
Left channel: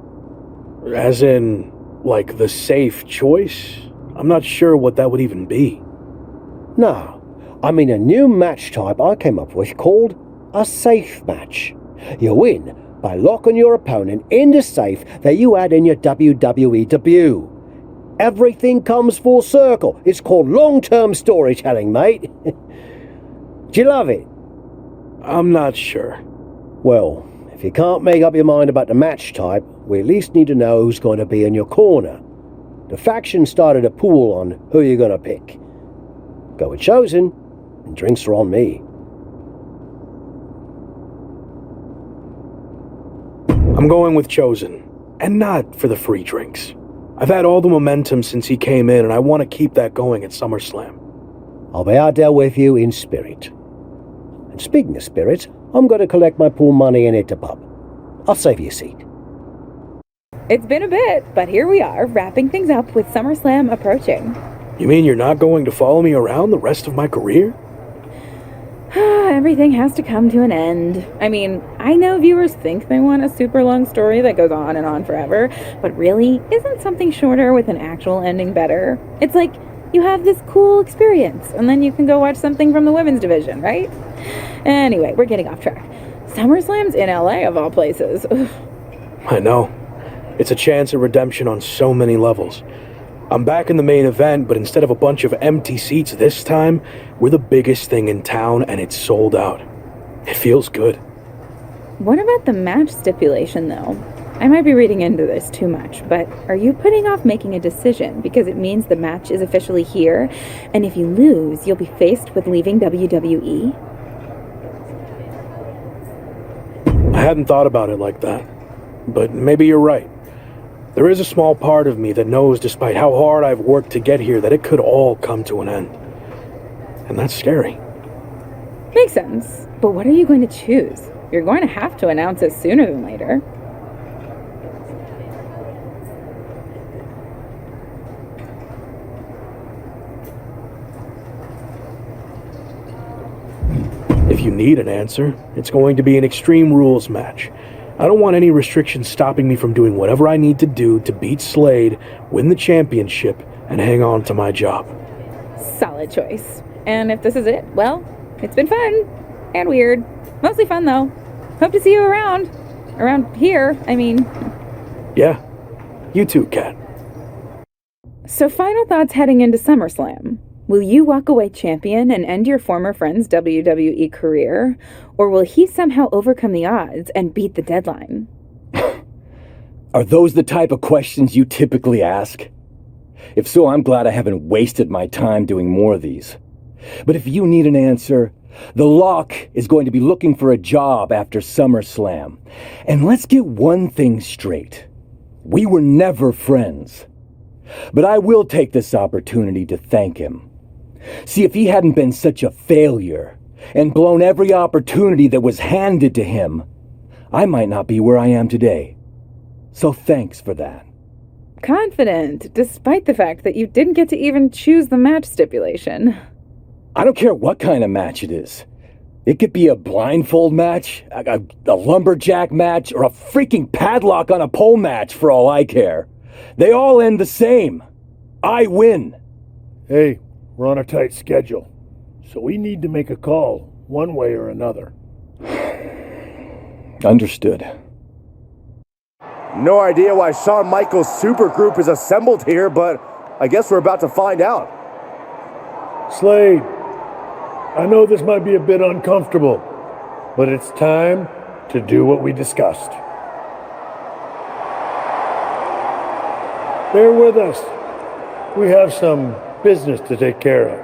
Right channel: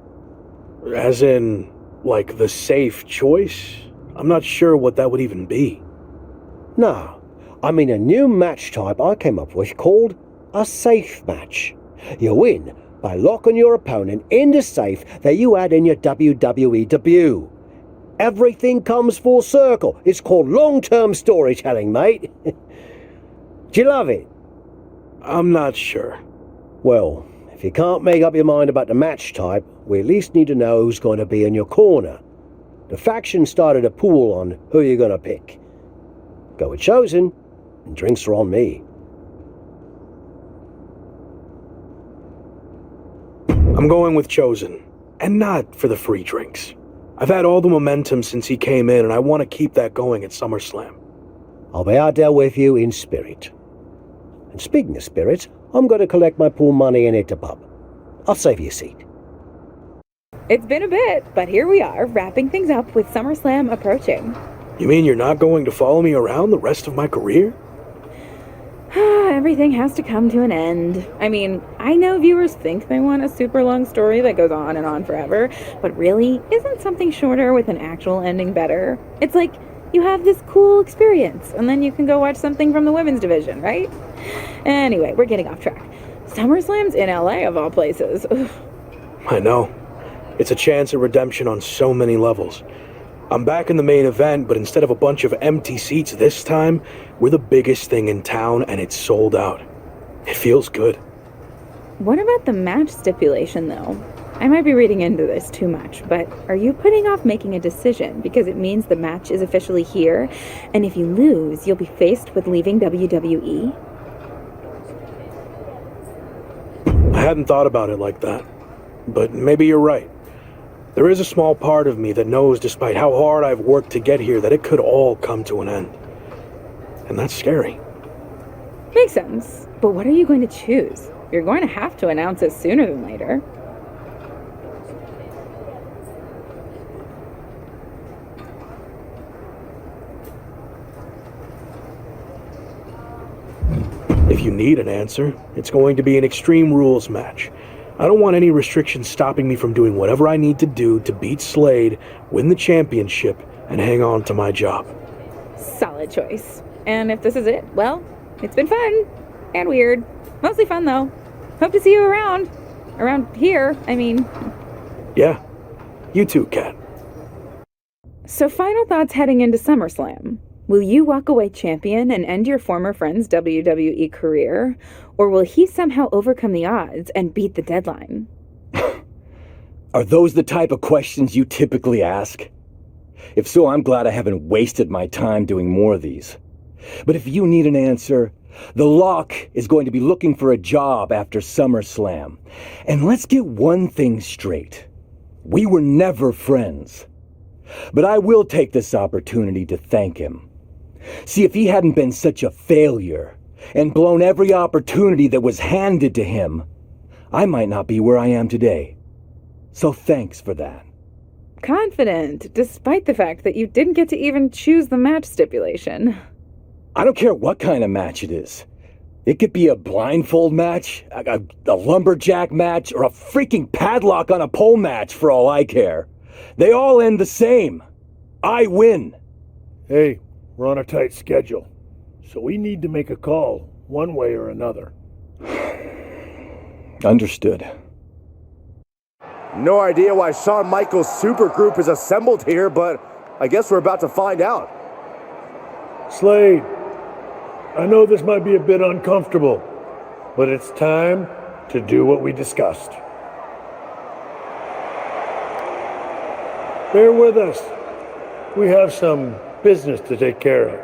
As in, like, the safe choice? I'm not sure what that would even be. No, I mean a new match type I came up with called a safe match. You win by locking your opponent in the safe that you had in your WWE debut. Everything comes full circle. It's called long-term storytelling, mate. Do you love it? I'm not sure. Well, if you can't make up your mind about the match type, we at least need to know who's going to be in your corner. The faction started a pool on who you're going to pick. Go with Chosen, and drinks are on me. I'm going with Chosen, and not for the free drinks. I've had all the momentum since he came in, and I want to keep that going at SummerSlam. I'll be out there with you in spirit. And speaking of spirits, I'm going to collect my pool money and hit the pub. I'll save you a seat. It's been a bit, but here we are, wrapping things up with SummerSlam approaching. You mean you're not going to follow me around the rest of my career? Everything has to come to an end. I mean, I know viewers think they want a super long story that goes on and on forever, but really, isn't something shorter with an actual ending better? It's like you have this cool experience, and then you can go watch something from the women's division, right? Anyway, we're getting off track. SummerSlam's in LA, of all places. Ugh. I know. It's a chance at redemption on so many levels. I'm back in the main event, but instead of a bunch of empty seats this time, we're the biggest thing in town and it's sold out. It feels good. What about the match stipulation, though? I might be reading into this too much, but are you putting off making a decision because it means the match is officially here, and if you lose, you'll be faced with leaving WWE? I hadn't thought about it like that, but maybe you're right. There is a small part of me that knows, despite how hard I've worked to get here, that it could all come to an end. And that's scary. Makes sense. But what are you going to choose? You're going to have to announce it sooner than later. If you need an answer, it's going to be an Extreme Rules match. I don't want any restrictions stopping me from doing whatever I need to do to beat Slade, win the championship, and hang on to my job. Solid choice. And if this is it, well, it's been fun. And weird. Mostly fun, though. Hope to see you around. Around here, I mean. Yeah. You too, Kat. So final thoughts heading into SummerSlam. Will you walk away champion and end your former friend's WWE career? Or will he somehow overcome the odds and beat the deadline? Are those the type of questions you typically ask? If so, I'm glad I haven't wasted my time doing more of these. But if you need an answer, the Lock is going to be looking for a job after SummerSlam. And let's get one thing straight. We were never friends. But I will take this opportunity to thank him. See, if he hadn't been such a failure and blown every opportunity that was handed to him, I might not be where I am today. So thanks for that. Confident, despite the fact that you didn't get to even choose the match stipulation. I don't care what kind of match it is. It could be a blindfold match, a lumberjack match, or a freaking padlock on a pole match for all I care. They all end the same. I win. Hey, we're on a tight schedule, so we need to make a call one way or another. Understood. No idea why Shawn Michaels' supergroup is assembled here, but I guess we're about to find out. Slade, I know this might be a bit uncomfortable, but it's time to do what we discussed. Bear with us. We have some business to take care of.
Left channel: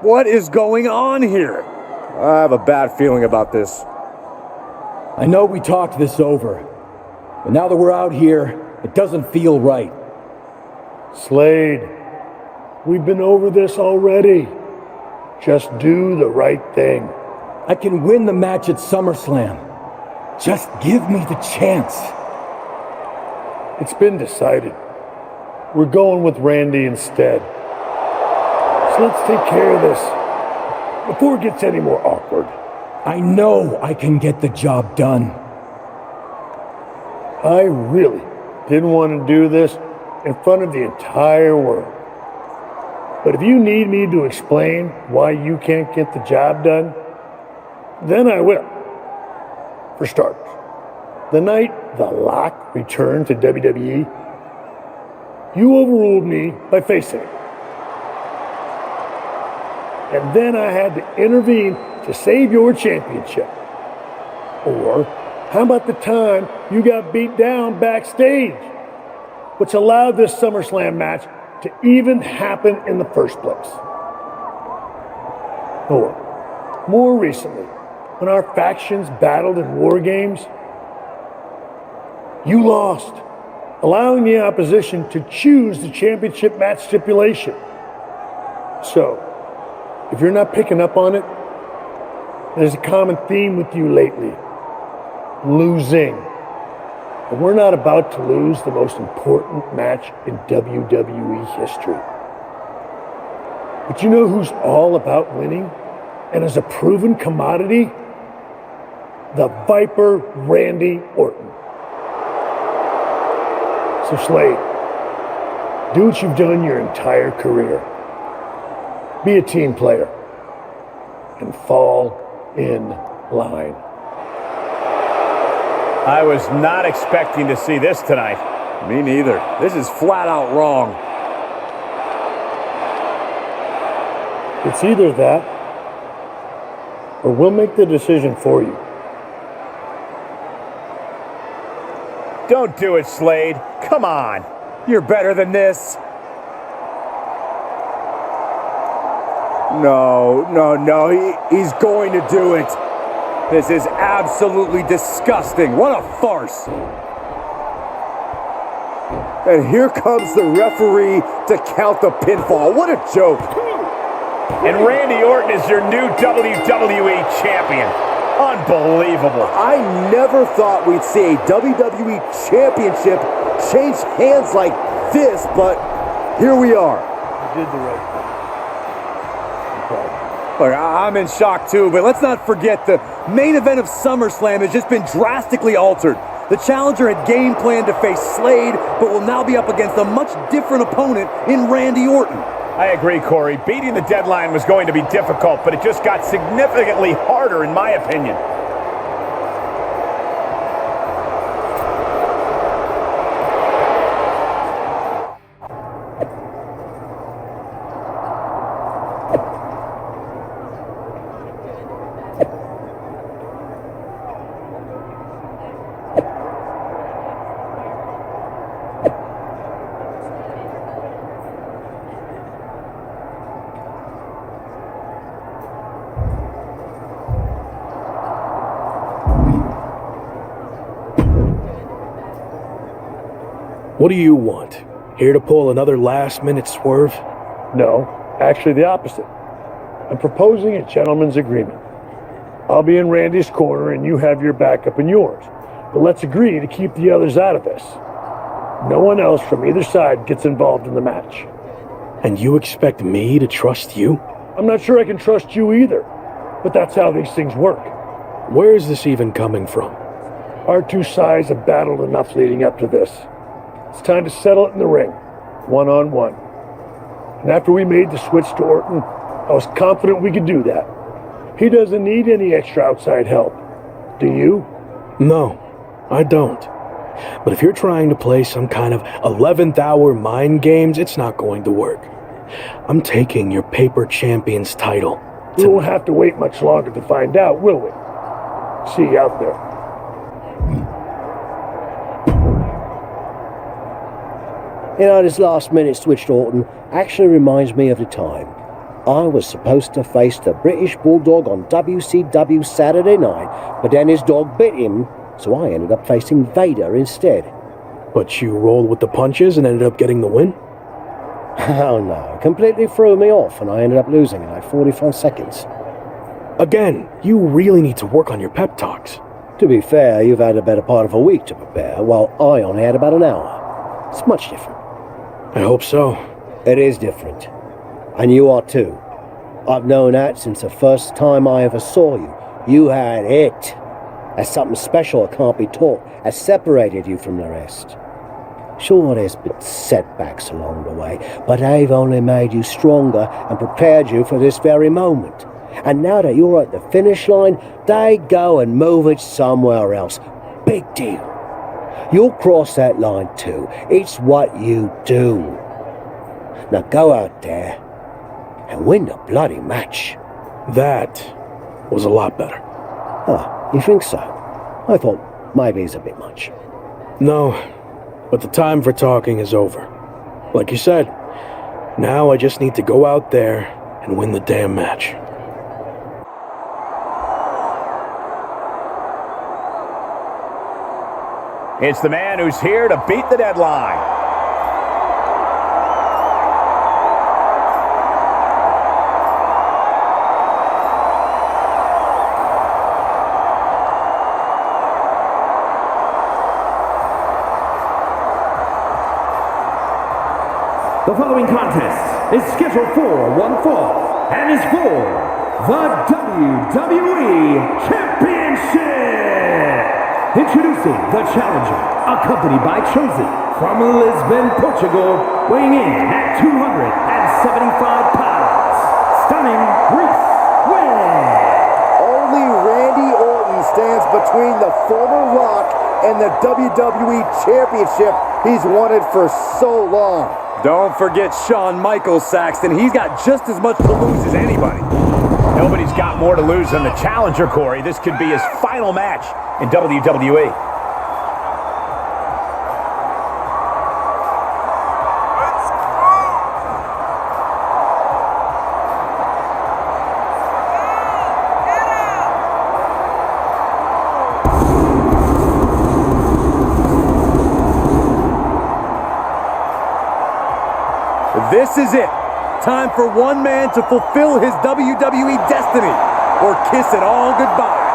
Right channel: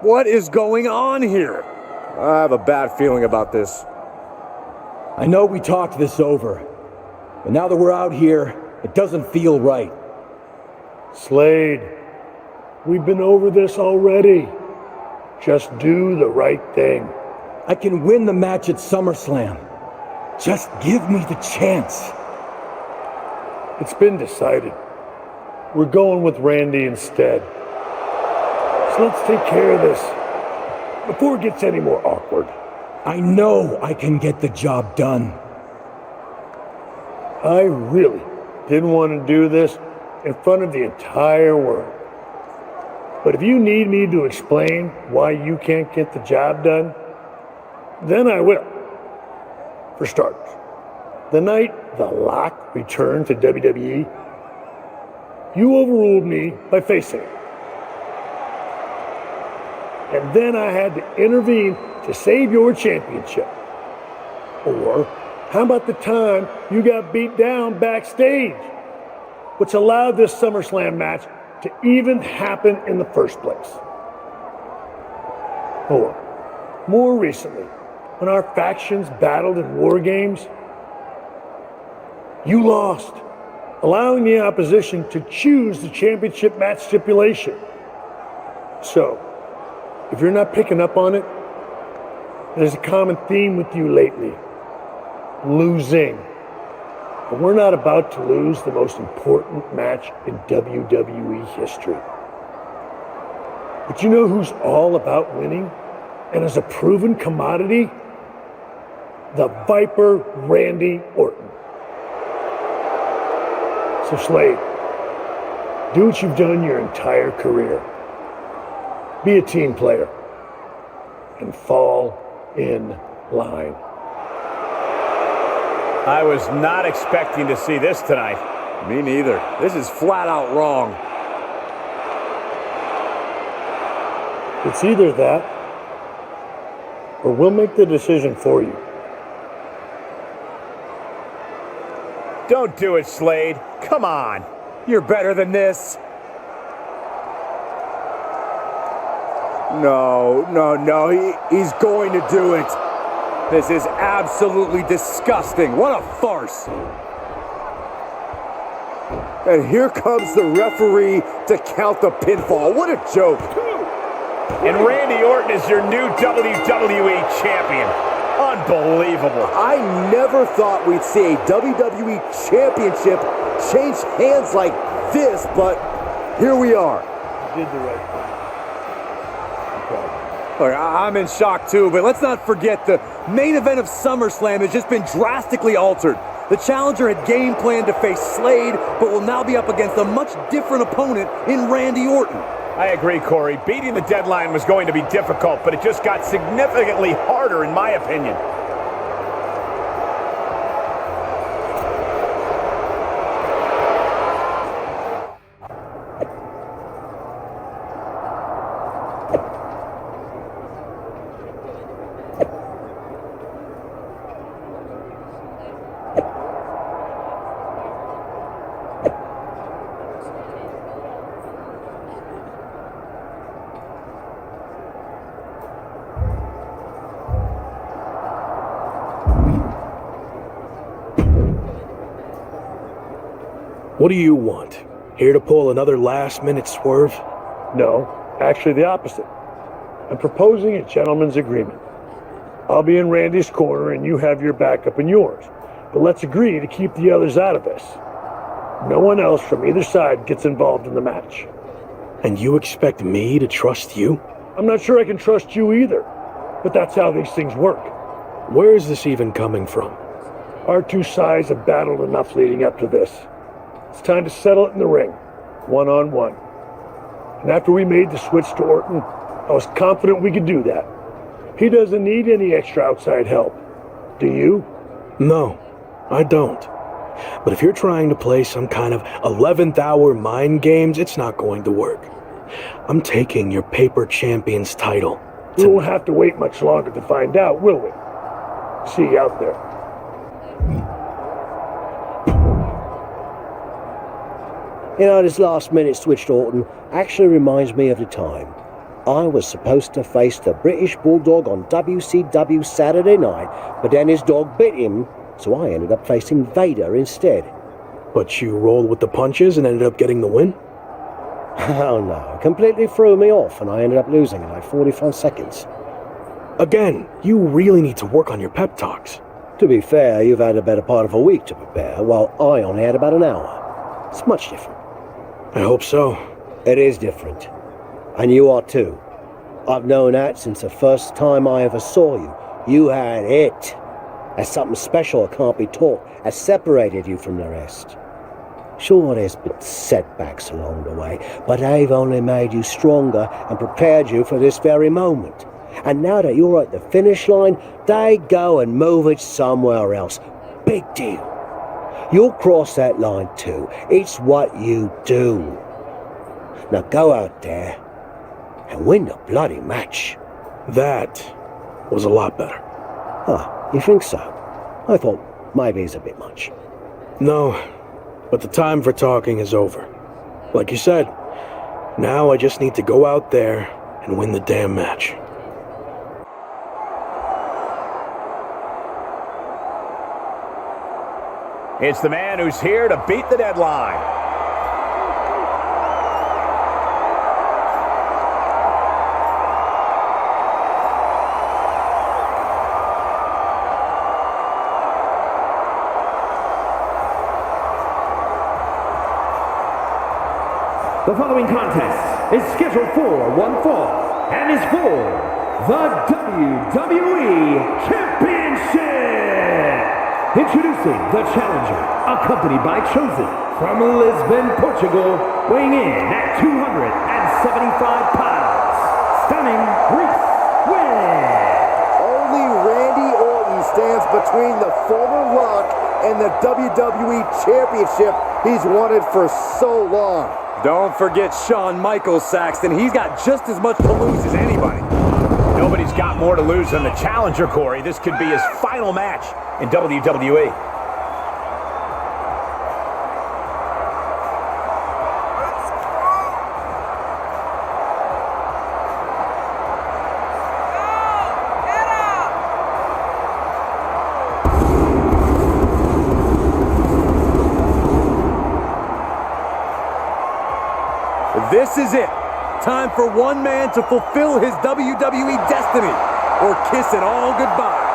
What is going on here? I have a bad feeling about this. I know we talked this over, but now that we're out here, it doesn't feel right. Slade, we've been over this already. Just do the right thing. I can win the match at SummerSlam. Just give me the chance. It's been decided. We're going with Randy instead. So let's take care of this before it gets any more awkward. I know I can get the job done. I really didn't want to do this in front of the entire world. But if you need me to explain why you can't get the job done, then I will. For starters, the night The Lock returned to WWE, you overruled me by facing it. And then I had to intervene to save your championship. Or how about the time you got beat down backstage, which allowed this SummerSlam match to even happen in the first place? Or, more recently, when our factions battled in war games, you lost, allowing the opposition to choose the championship match stipulation. So, if you're not picking up on it, there's a common theme with you lately. Losing. And we're not about to lose the most important match in WWE history. But you know who's all about winning and is a proven commodity? The Viper Randy Orton. So Slade, do what you've done your entire career. Be a team player and fall in line. I was not expecting to see this tonight. Me neither. This is flat out wrong. It's either that, or we'll make the decision for you. Don't do it, Slade. Come on. You're better than this. No. He's going to do it. This is absolutely disgusting. What a farce. And here comes the referee to count the pinfall. What a joke. And Randy Orton is your new WWE champion. Unbelievable. I never thought we'd see a WWE championship change hands like this, but here we are. You did the right thing. Look, I'm in shock too, but let's not forget the main event of SummerSlam has just been drastically altered. The challenger had game planned to face Slade, but will now be up against a much different opponent in Randy Orton. I agree, Corey. Beating the deadline was going to be difficult, but it just got significantly harder, in my opinion. What do you want? Here to pull another last-minute swerve? No, actually the opposite. I'm proposing a gentleman's agreement. I'll be in Randy's corner and you have your backup in yours. But let's agree to keep the others out of this. No one else from either side gets involved in the match. And you expect me to trust you? I'm not sure I can trust you either, but that's how these things work. Where is this even coming from? Our two sides have battled enough leading up to this. It's time to settle it in the ring, one-on-one. And after we made the switch to Orton, I was confident we could do that. He doesn't need any extra outside help. Do you? No, I don't. But if you're trying to play some kind of 11th hour mind games, it's not going to work. I'm taking your paper champion's title. We won't have to wait much longer to find out, will we? See you out there. You know, this last-minute switch to Orton actually reminds me of the time I was supposed to face the British Bulldog on WCW Saturday night, but then his dog bit him, so I ended up facing Vader instead. But you rolled with the punches and ended up getting the win? Oh no, completely threw me off and I ended up losing in like 45 seconds. Again, you really need to work on your pep talks. To be fair, you've had a better part of a week to prepare, while I only had about an hour. It's much different. I hope so. It is different. And you are too. I've known that since the first time I ever saw you. You had it. That's something special that can't be taught, has separated you from the rest. Sure, there's been setbacks along the way, but they've only made you stronger and prepared you for this very moment. And now that you're at the finish line, they go and move it somewhere else. Big deal. You'll cross that line too. It's what you do. Now go out there and win the bloody match. That was a lot better. Ah, you think so? I thought maybe it's a bit much. No, but the time for talking is over. Like you said, now I just need to go out there and win the damn match. It's the man who's here to beat the deadline. The following contest is scheduled for one fall and is for the WWE Championship. Introducing the challenger, accompanied by Chosen from Lisbon, Portugal, weighing in at 275 pounds. Stunning Reese win. Only Randy Orton stands between the former Rock and the WWE Championship he's wanted for so long. Don't forget Shawn Michaels, Saxton. He's got just as much to lose as anybody. Nobody's got more to lose than the challenger, Corey. This could be his final match in WWE. This is it. Time for one man to fulfill his WWE destiny or kiss it all goodbye.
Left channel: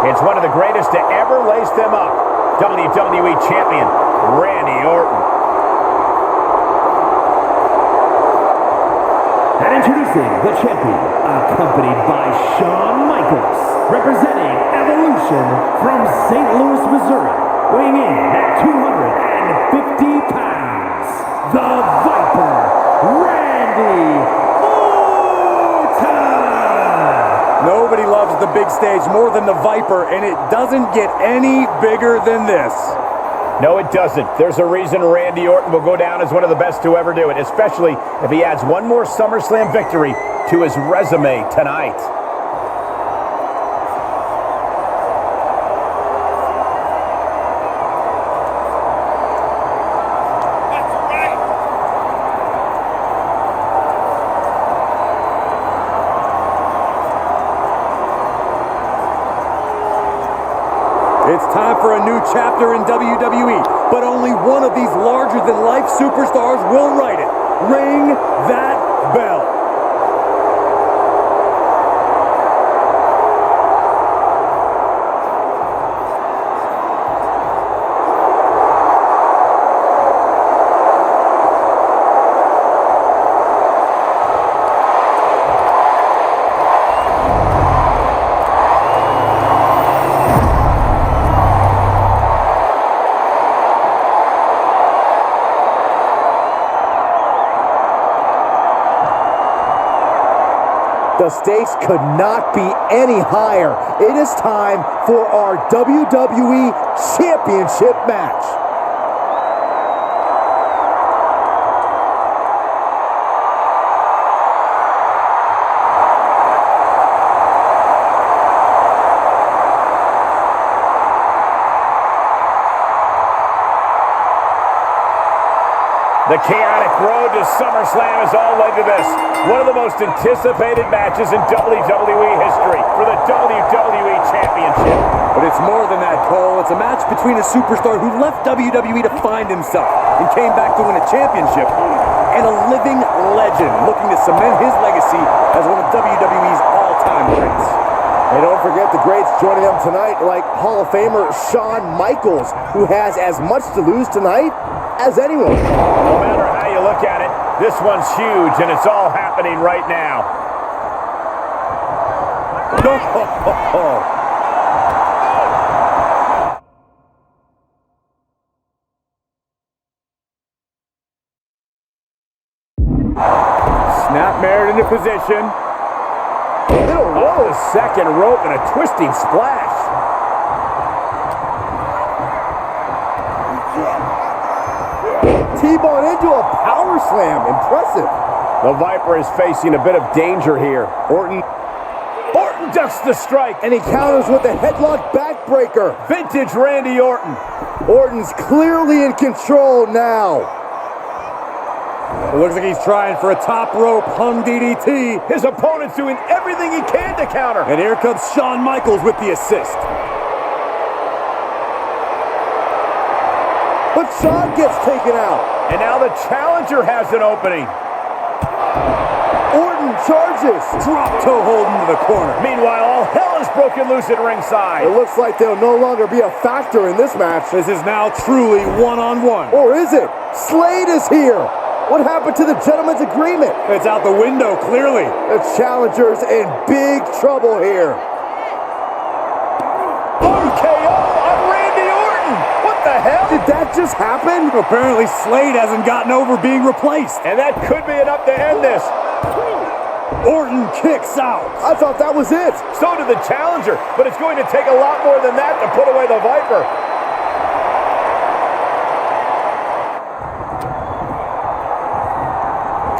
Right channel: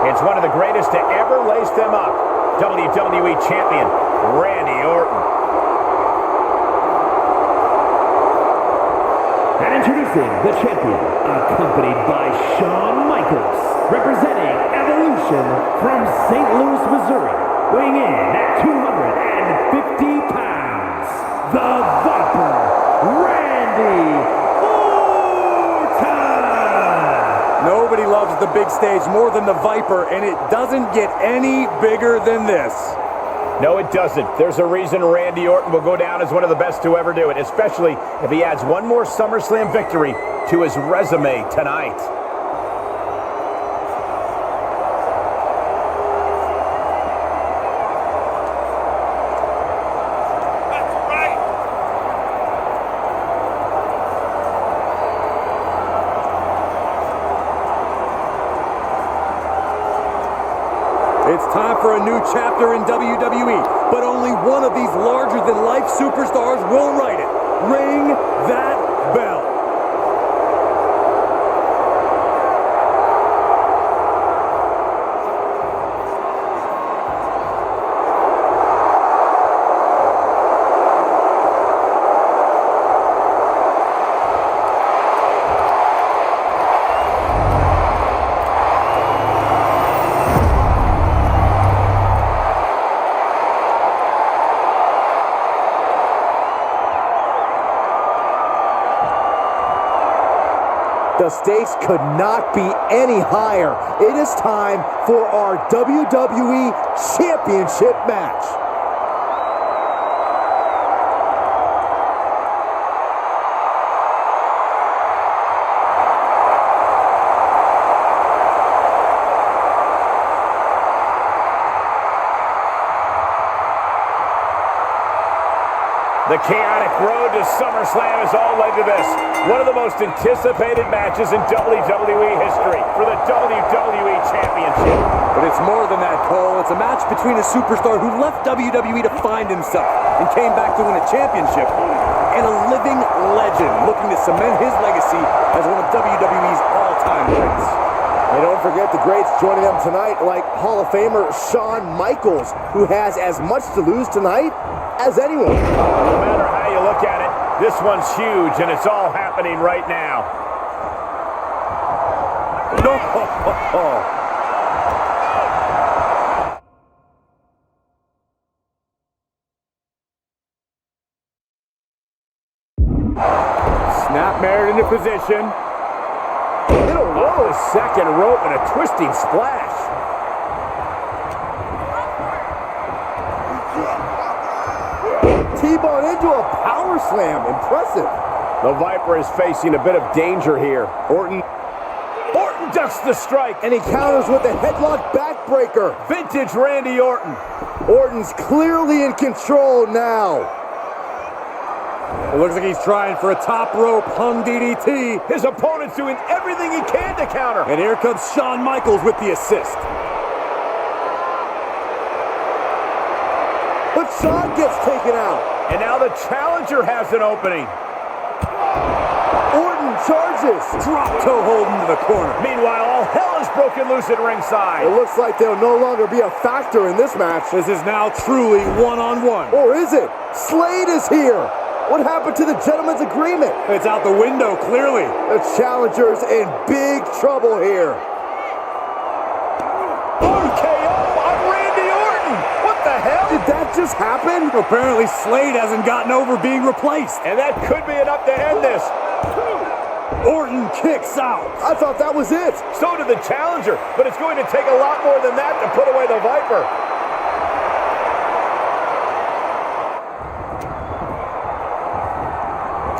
It's one of the greatest to ever lace them up. WWE Champion, Randy Orton. And introducing the champion, accompanied by Shawn Michaels, representing Evolution from St. Louis, Missouri, weighing in at 250 pounds, the Viper, Randy Orton! Nobody loves the big stage more than the Viper, and it doesn't get any bigger than this. No, it doesn't. There's a reason Randy Orton will go down as one of the best to ever do it, especially if he adds one more SummerSlam victory to his resume tonight. It's time for a new chapter in WWE, but only one of these larger-than-life superstars will write it. Ring that bell. The stakes could not be any higher. It is time for our WWE Championship match. The chaotic road to SummerSlam has all led to this. One of the most anticipated matches in WWE history for the WWE Championship. But it's more than that, Cole. It's a match between a superstar who left WWE to find himself and came back to win a championship, and a living legend looking to cement his legacy as one of WWE's all-time greats. And don't forget the greats joining them tonight, like Hall of Famer Shawn Michaels, who has as much to lose tonight as anyone. No matter how you look at it, this one's huge, and it's all happening right now. Snapmare into position. Middle Off rope. the second rope and a twisting splash. T-bone into a power slam. Impressive. The Viper is facing a bit of danger here. Orton ducks the strike. And he counters with a headlock backbreaker. Vintage Randy Orton. Orton's clearly in control now. It looks like he's trying for a top rope hung DDT. His opponent's doing everything he can to counter. And here comes Shawn Michaels with the assist. But Shawn gets taken out. And now the challenger has an opening. Orton charges. Drop toe hold into the corner. Meanwhile, all hell is broken loose at ringside. It looks like they'll no longer be a factor in this match. This is now truly one-on-one. Or is it? Slade is here. What happened to the gentleman's agreement? It's out the window, clearly. The challenger's in big trouble here. RKO on Randy Orton. What the hell? Did that just happen? Apparently Slade hasn't gotten over being replaced. And that could be enough to end this. Orton kicks out. I thought that was it. So did the challenger, but it's going to take a lot more than that to put away the Viper.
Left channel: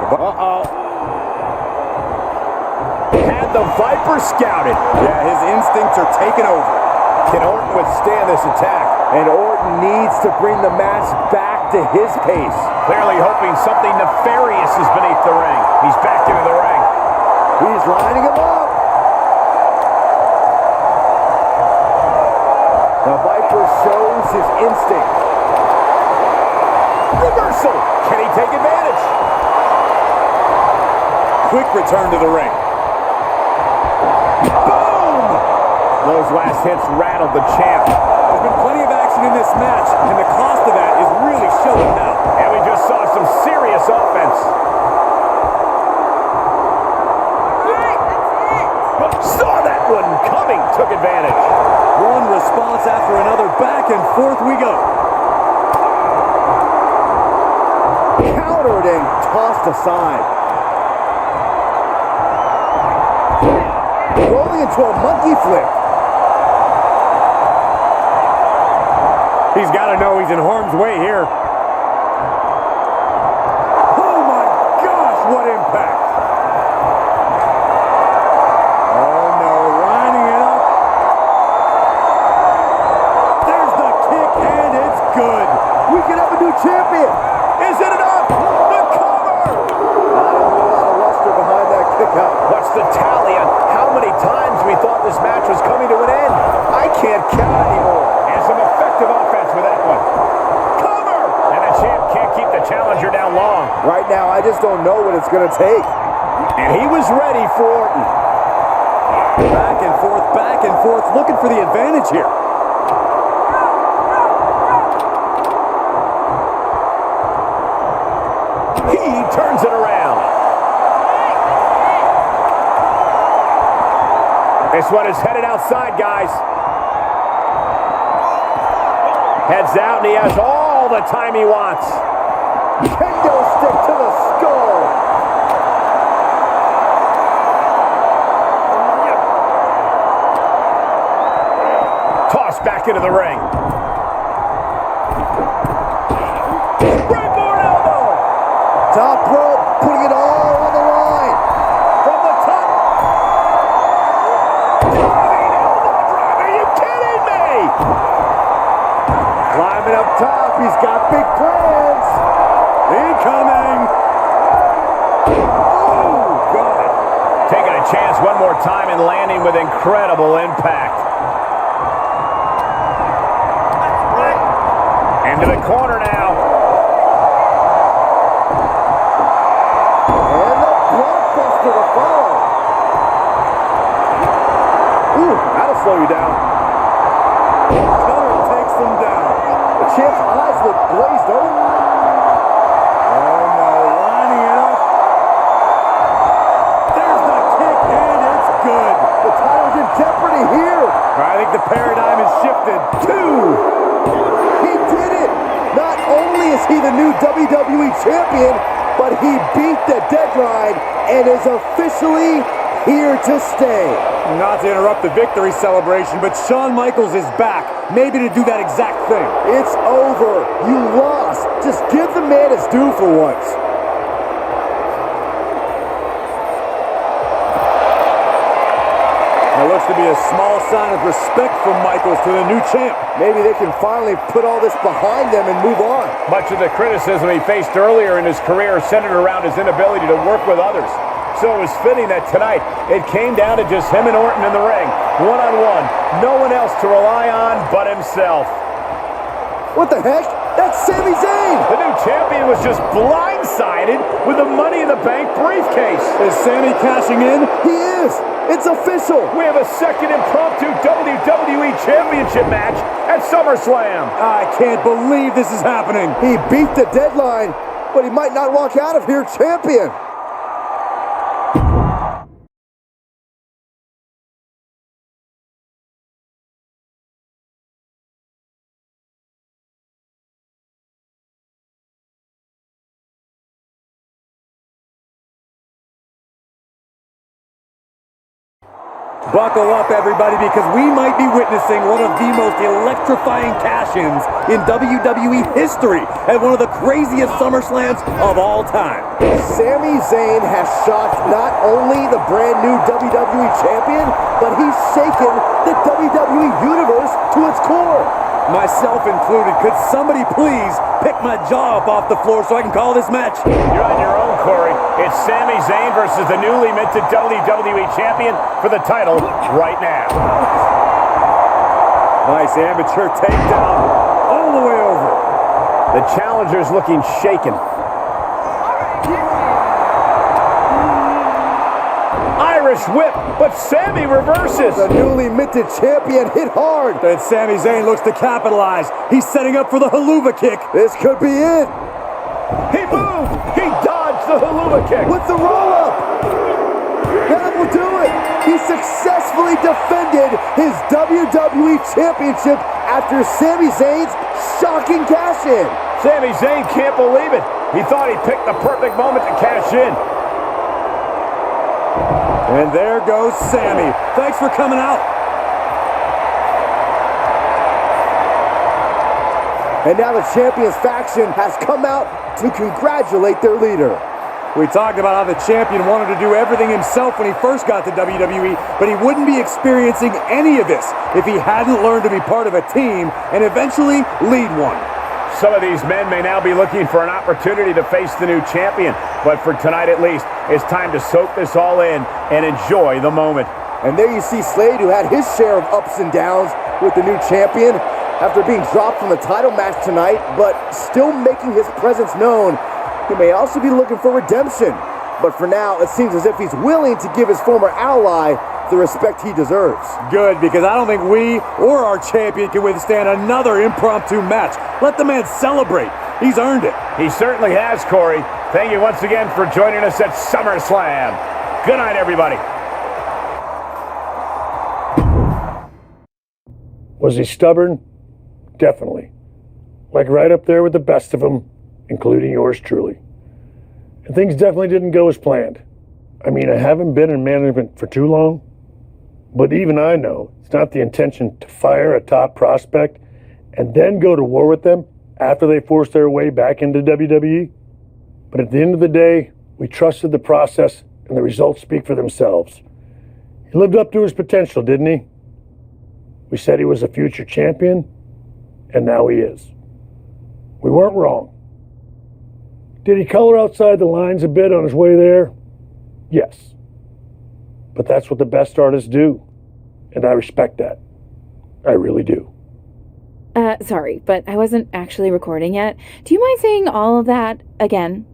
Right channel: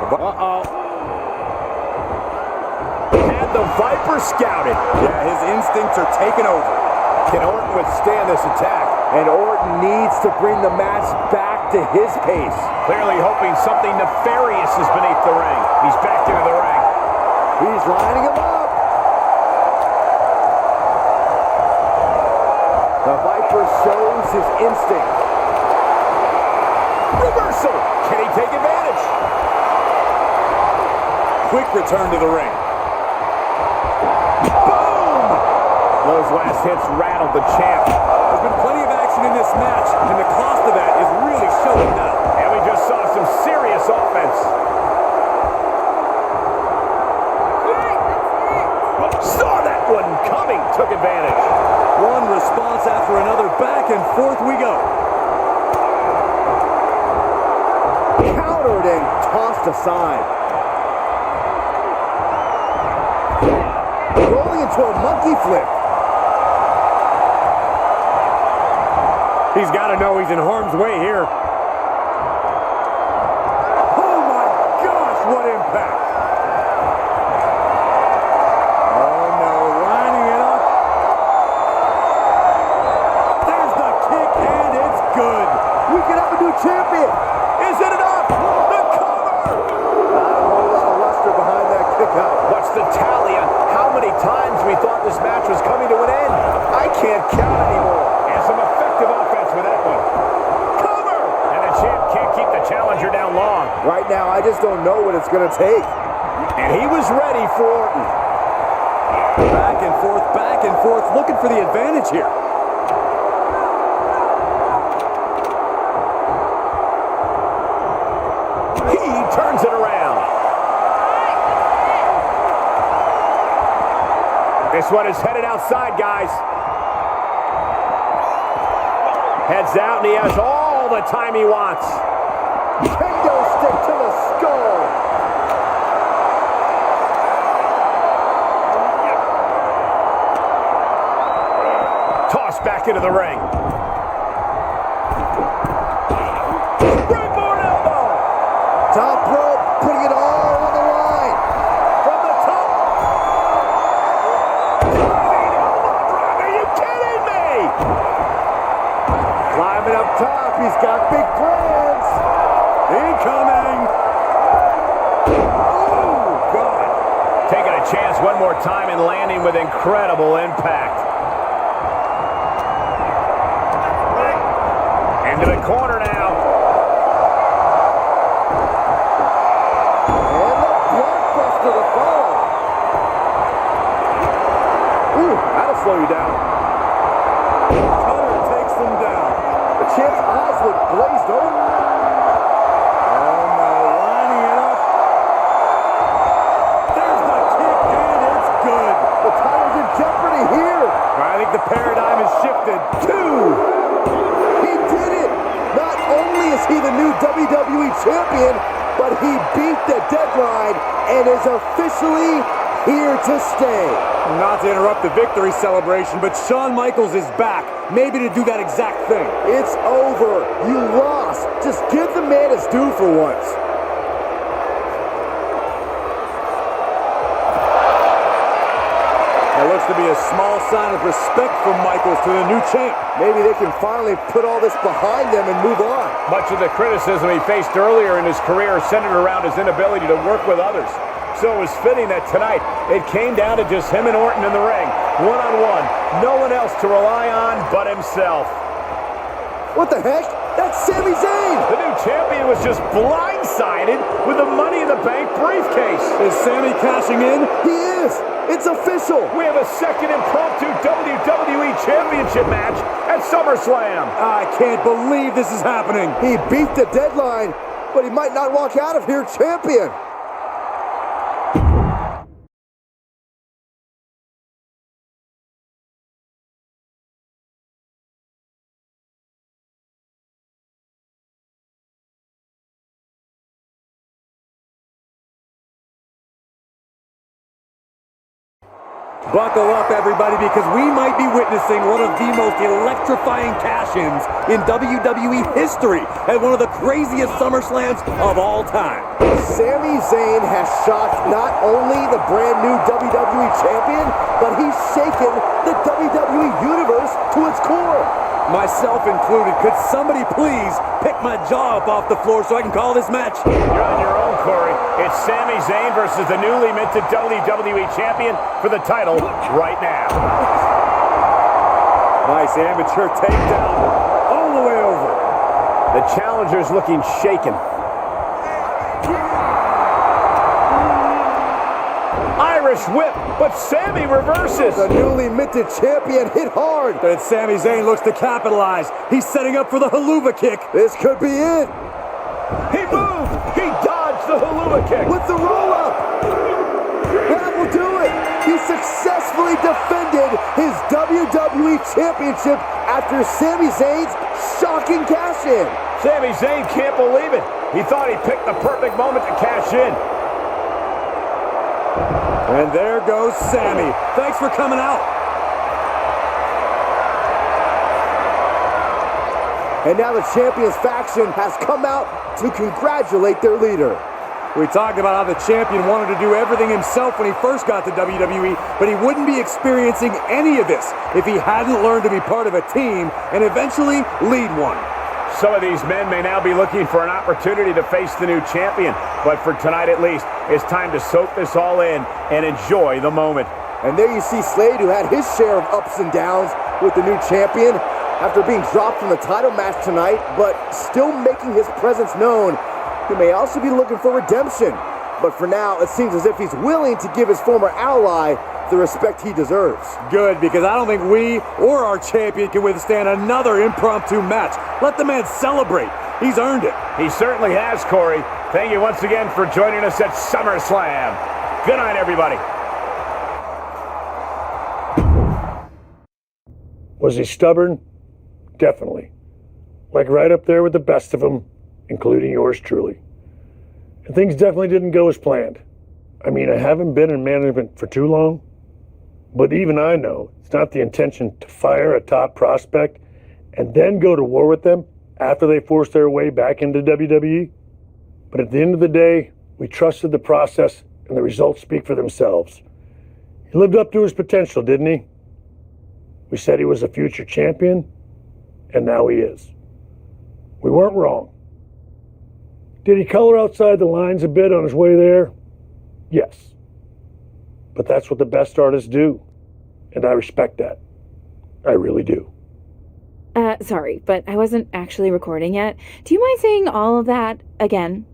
Uh-oh. Had the Viper scouted. Yeah, his instincts are taking over. Can Orton withstand this attack? And Orton needs to bring the match back to his pace. Clearly hoping something nefarious is beneath the ring. He's back into the ring. He's lining him up. The Viper shows his instinct. Reversal. Can he take advantage? Quick return to the ring. Boom! Those last hits rattled the champ. There's been plenty of action in this match, and the cost of that is really showing now. And we just saw some serious offense. Saw that one coming, took advantage. One response after another, back and forth we go. Countered and tossed aside. Rolling into a monkey flip. He's got to know he's in harm's way here. Oh my gosh, what impact. Oh no, lining it up. There's the kick and it's good. We could have a new champion. Is it enough? The cover! Not a whole lot of luster behind that kick out. What's the tally on how many times we thought this match was coming to an end? I can't count anymore. And some effective offense with that one. Cover! And the champ can't keep the challenger down long. Right now, I just don't know what it's going to take. And he was ready for Orton. Back and forth, looking for the advantage here. He turns it around. This one is headed outside, guys. Heads out, and he has all the time he wants. Kendo stick to the skull. Tossed back into the ring. Springboard elbow. Top rope, putting it all on the line. From the top. Diving elbow drop. Are you kidding me? Climbing up top, he's got big plans. Incoming! Oh, God! Taking a chance one more time and landing with incredible impact. Into the corner now. And the blockbuster to follow. Ooh, that'll slow you down. Cutter takes them down. The champ's eyes look glazed over. Oh no, lining it up. There's the kick, and it's good. The title's in jeopardy here. I think the paradigm has shifted. 2. He did it. Not only is he the new WWE champion, but he beat the deadline and is officially here to stay. Not to interrupt the victory celebration, but Shawn Michaels is back, maybe to do that exact thing. It's over. You lost. Just give the man his due for once. That looks to be a small sign of respect from Michaels to the new champ. Maybe they can finally put all this behind them and move on. Much of the criticism he faced earlier in his career centered around his inability to work with others. So it was fitting that tonight it came down to just him and Orton in the ring, one-on-one. No one else to rely on but himself. What the heck? That's Sami Zayn! The new champion was just blindsided with the Money in the Bank briefcase. Is Sami cashing in? He is! It's official! We have a second impromptu WWE Championship match at SummerSlam. I can't believe this is happening. He beat the deadline, but he might not walk out of here champion. Buckle up, everybody, because we might be witnessing one of the most electrifying cash-ins in WWE history at one of the craziest SummerSlams of all time. Sami Zayn has shocked not only the brand new WWE champion, but he's shaken the WWE universe to its core. Myself included. Could somebody please pick my jaw up off the floor so I can call this match? You're on your own, Corey. It's Sami Zayn versus the newly minted WWE Champion for the title right now. Nice amateur takedown all the way over. The challenger's looking shaken. Irish whip, but Sami reverses. The newly minted champion hit hard. And Sami Zayn looks to capitalize. He's setting up for the haluva kick. This could be it. He moved. He dodged the haluva kick. With the roll-up. That will do it. He successfully defended his WWE Championship after Sami Zayn's shocking cash-in. Sami Zayn can't believe it. He thought he picked the perfect moment to cash in. And there goes Sami. Thanks for coming out. And now the Champions faction has come out to congratulate their leader. We talked about how the champion wanted to do everything himself when he first got to WWE, but he wouldn't be experiencing any of this if he hadn't learned to be part of a team and eventually lead one. Some of these men may now be looking for an opportunity to face the new champion, but for tonight at least, it's time to soak this all in and enjoy the moment. And there you see Slade, who had his share of ups and downs with the new champion after being dropped from the title match tonight, but still making his presence known. He may also be looking for redemption, but for now, it seems as if he's willing to give his former ally the respect he deserves. Good, because I don't think we or our champion can withstand another impromptu match. Let the man celebrate. He's earned it. He certainly has, Corey. Thank you once again for joining us at SummerSlam. Good night, everybody. Was he stubborn? Definitely. Like right up there with the best of them, including yours truly. And things definitely didn't go as planned. I mean, I haven't been in management for too long, but even I know it's not the intention to fire a top prospect and then go to war with them after they force their way back into WWE. But at the end of the day, we trusted the process and the results speak for themselves. He lived up to his potential, didn't he? We said he was a future champion, and now he is. We weren't wrong. Did he color outside the lines a bit on his way there? Yes. But that's what the best artists do. And I respect that. I really do. Sorry, but I wasn't actually recording yet. Do you mind saying all of that again?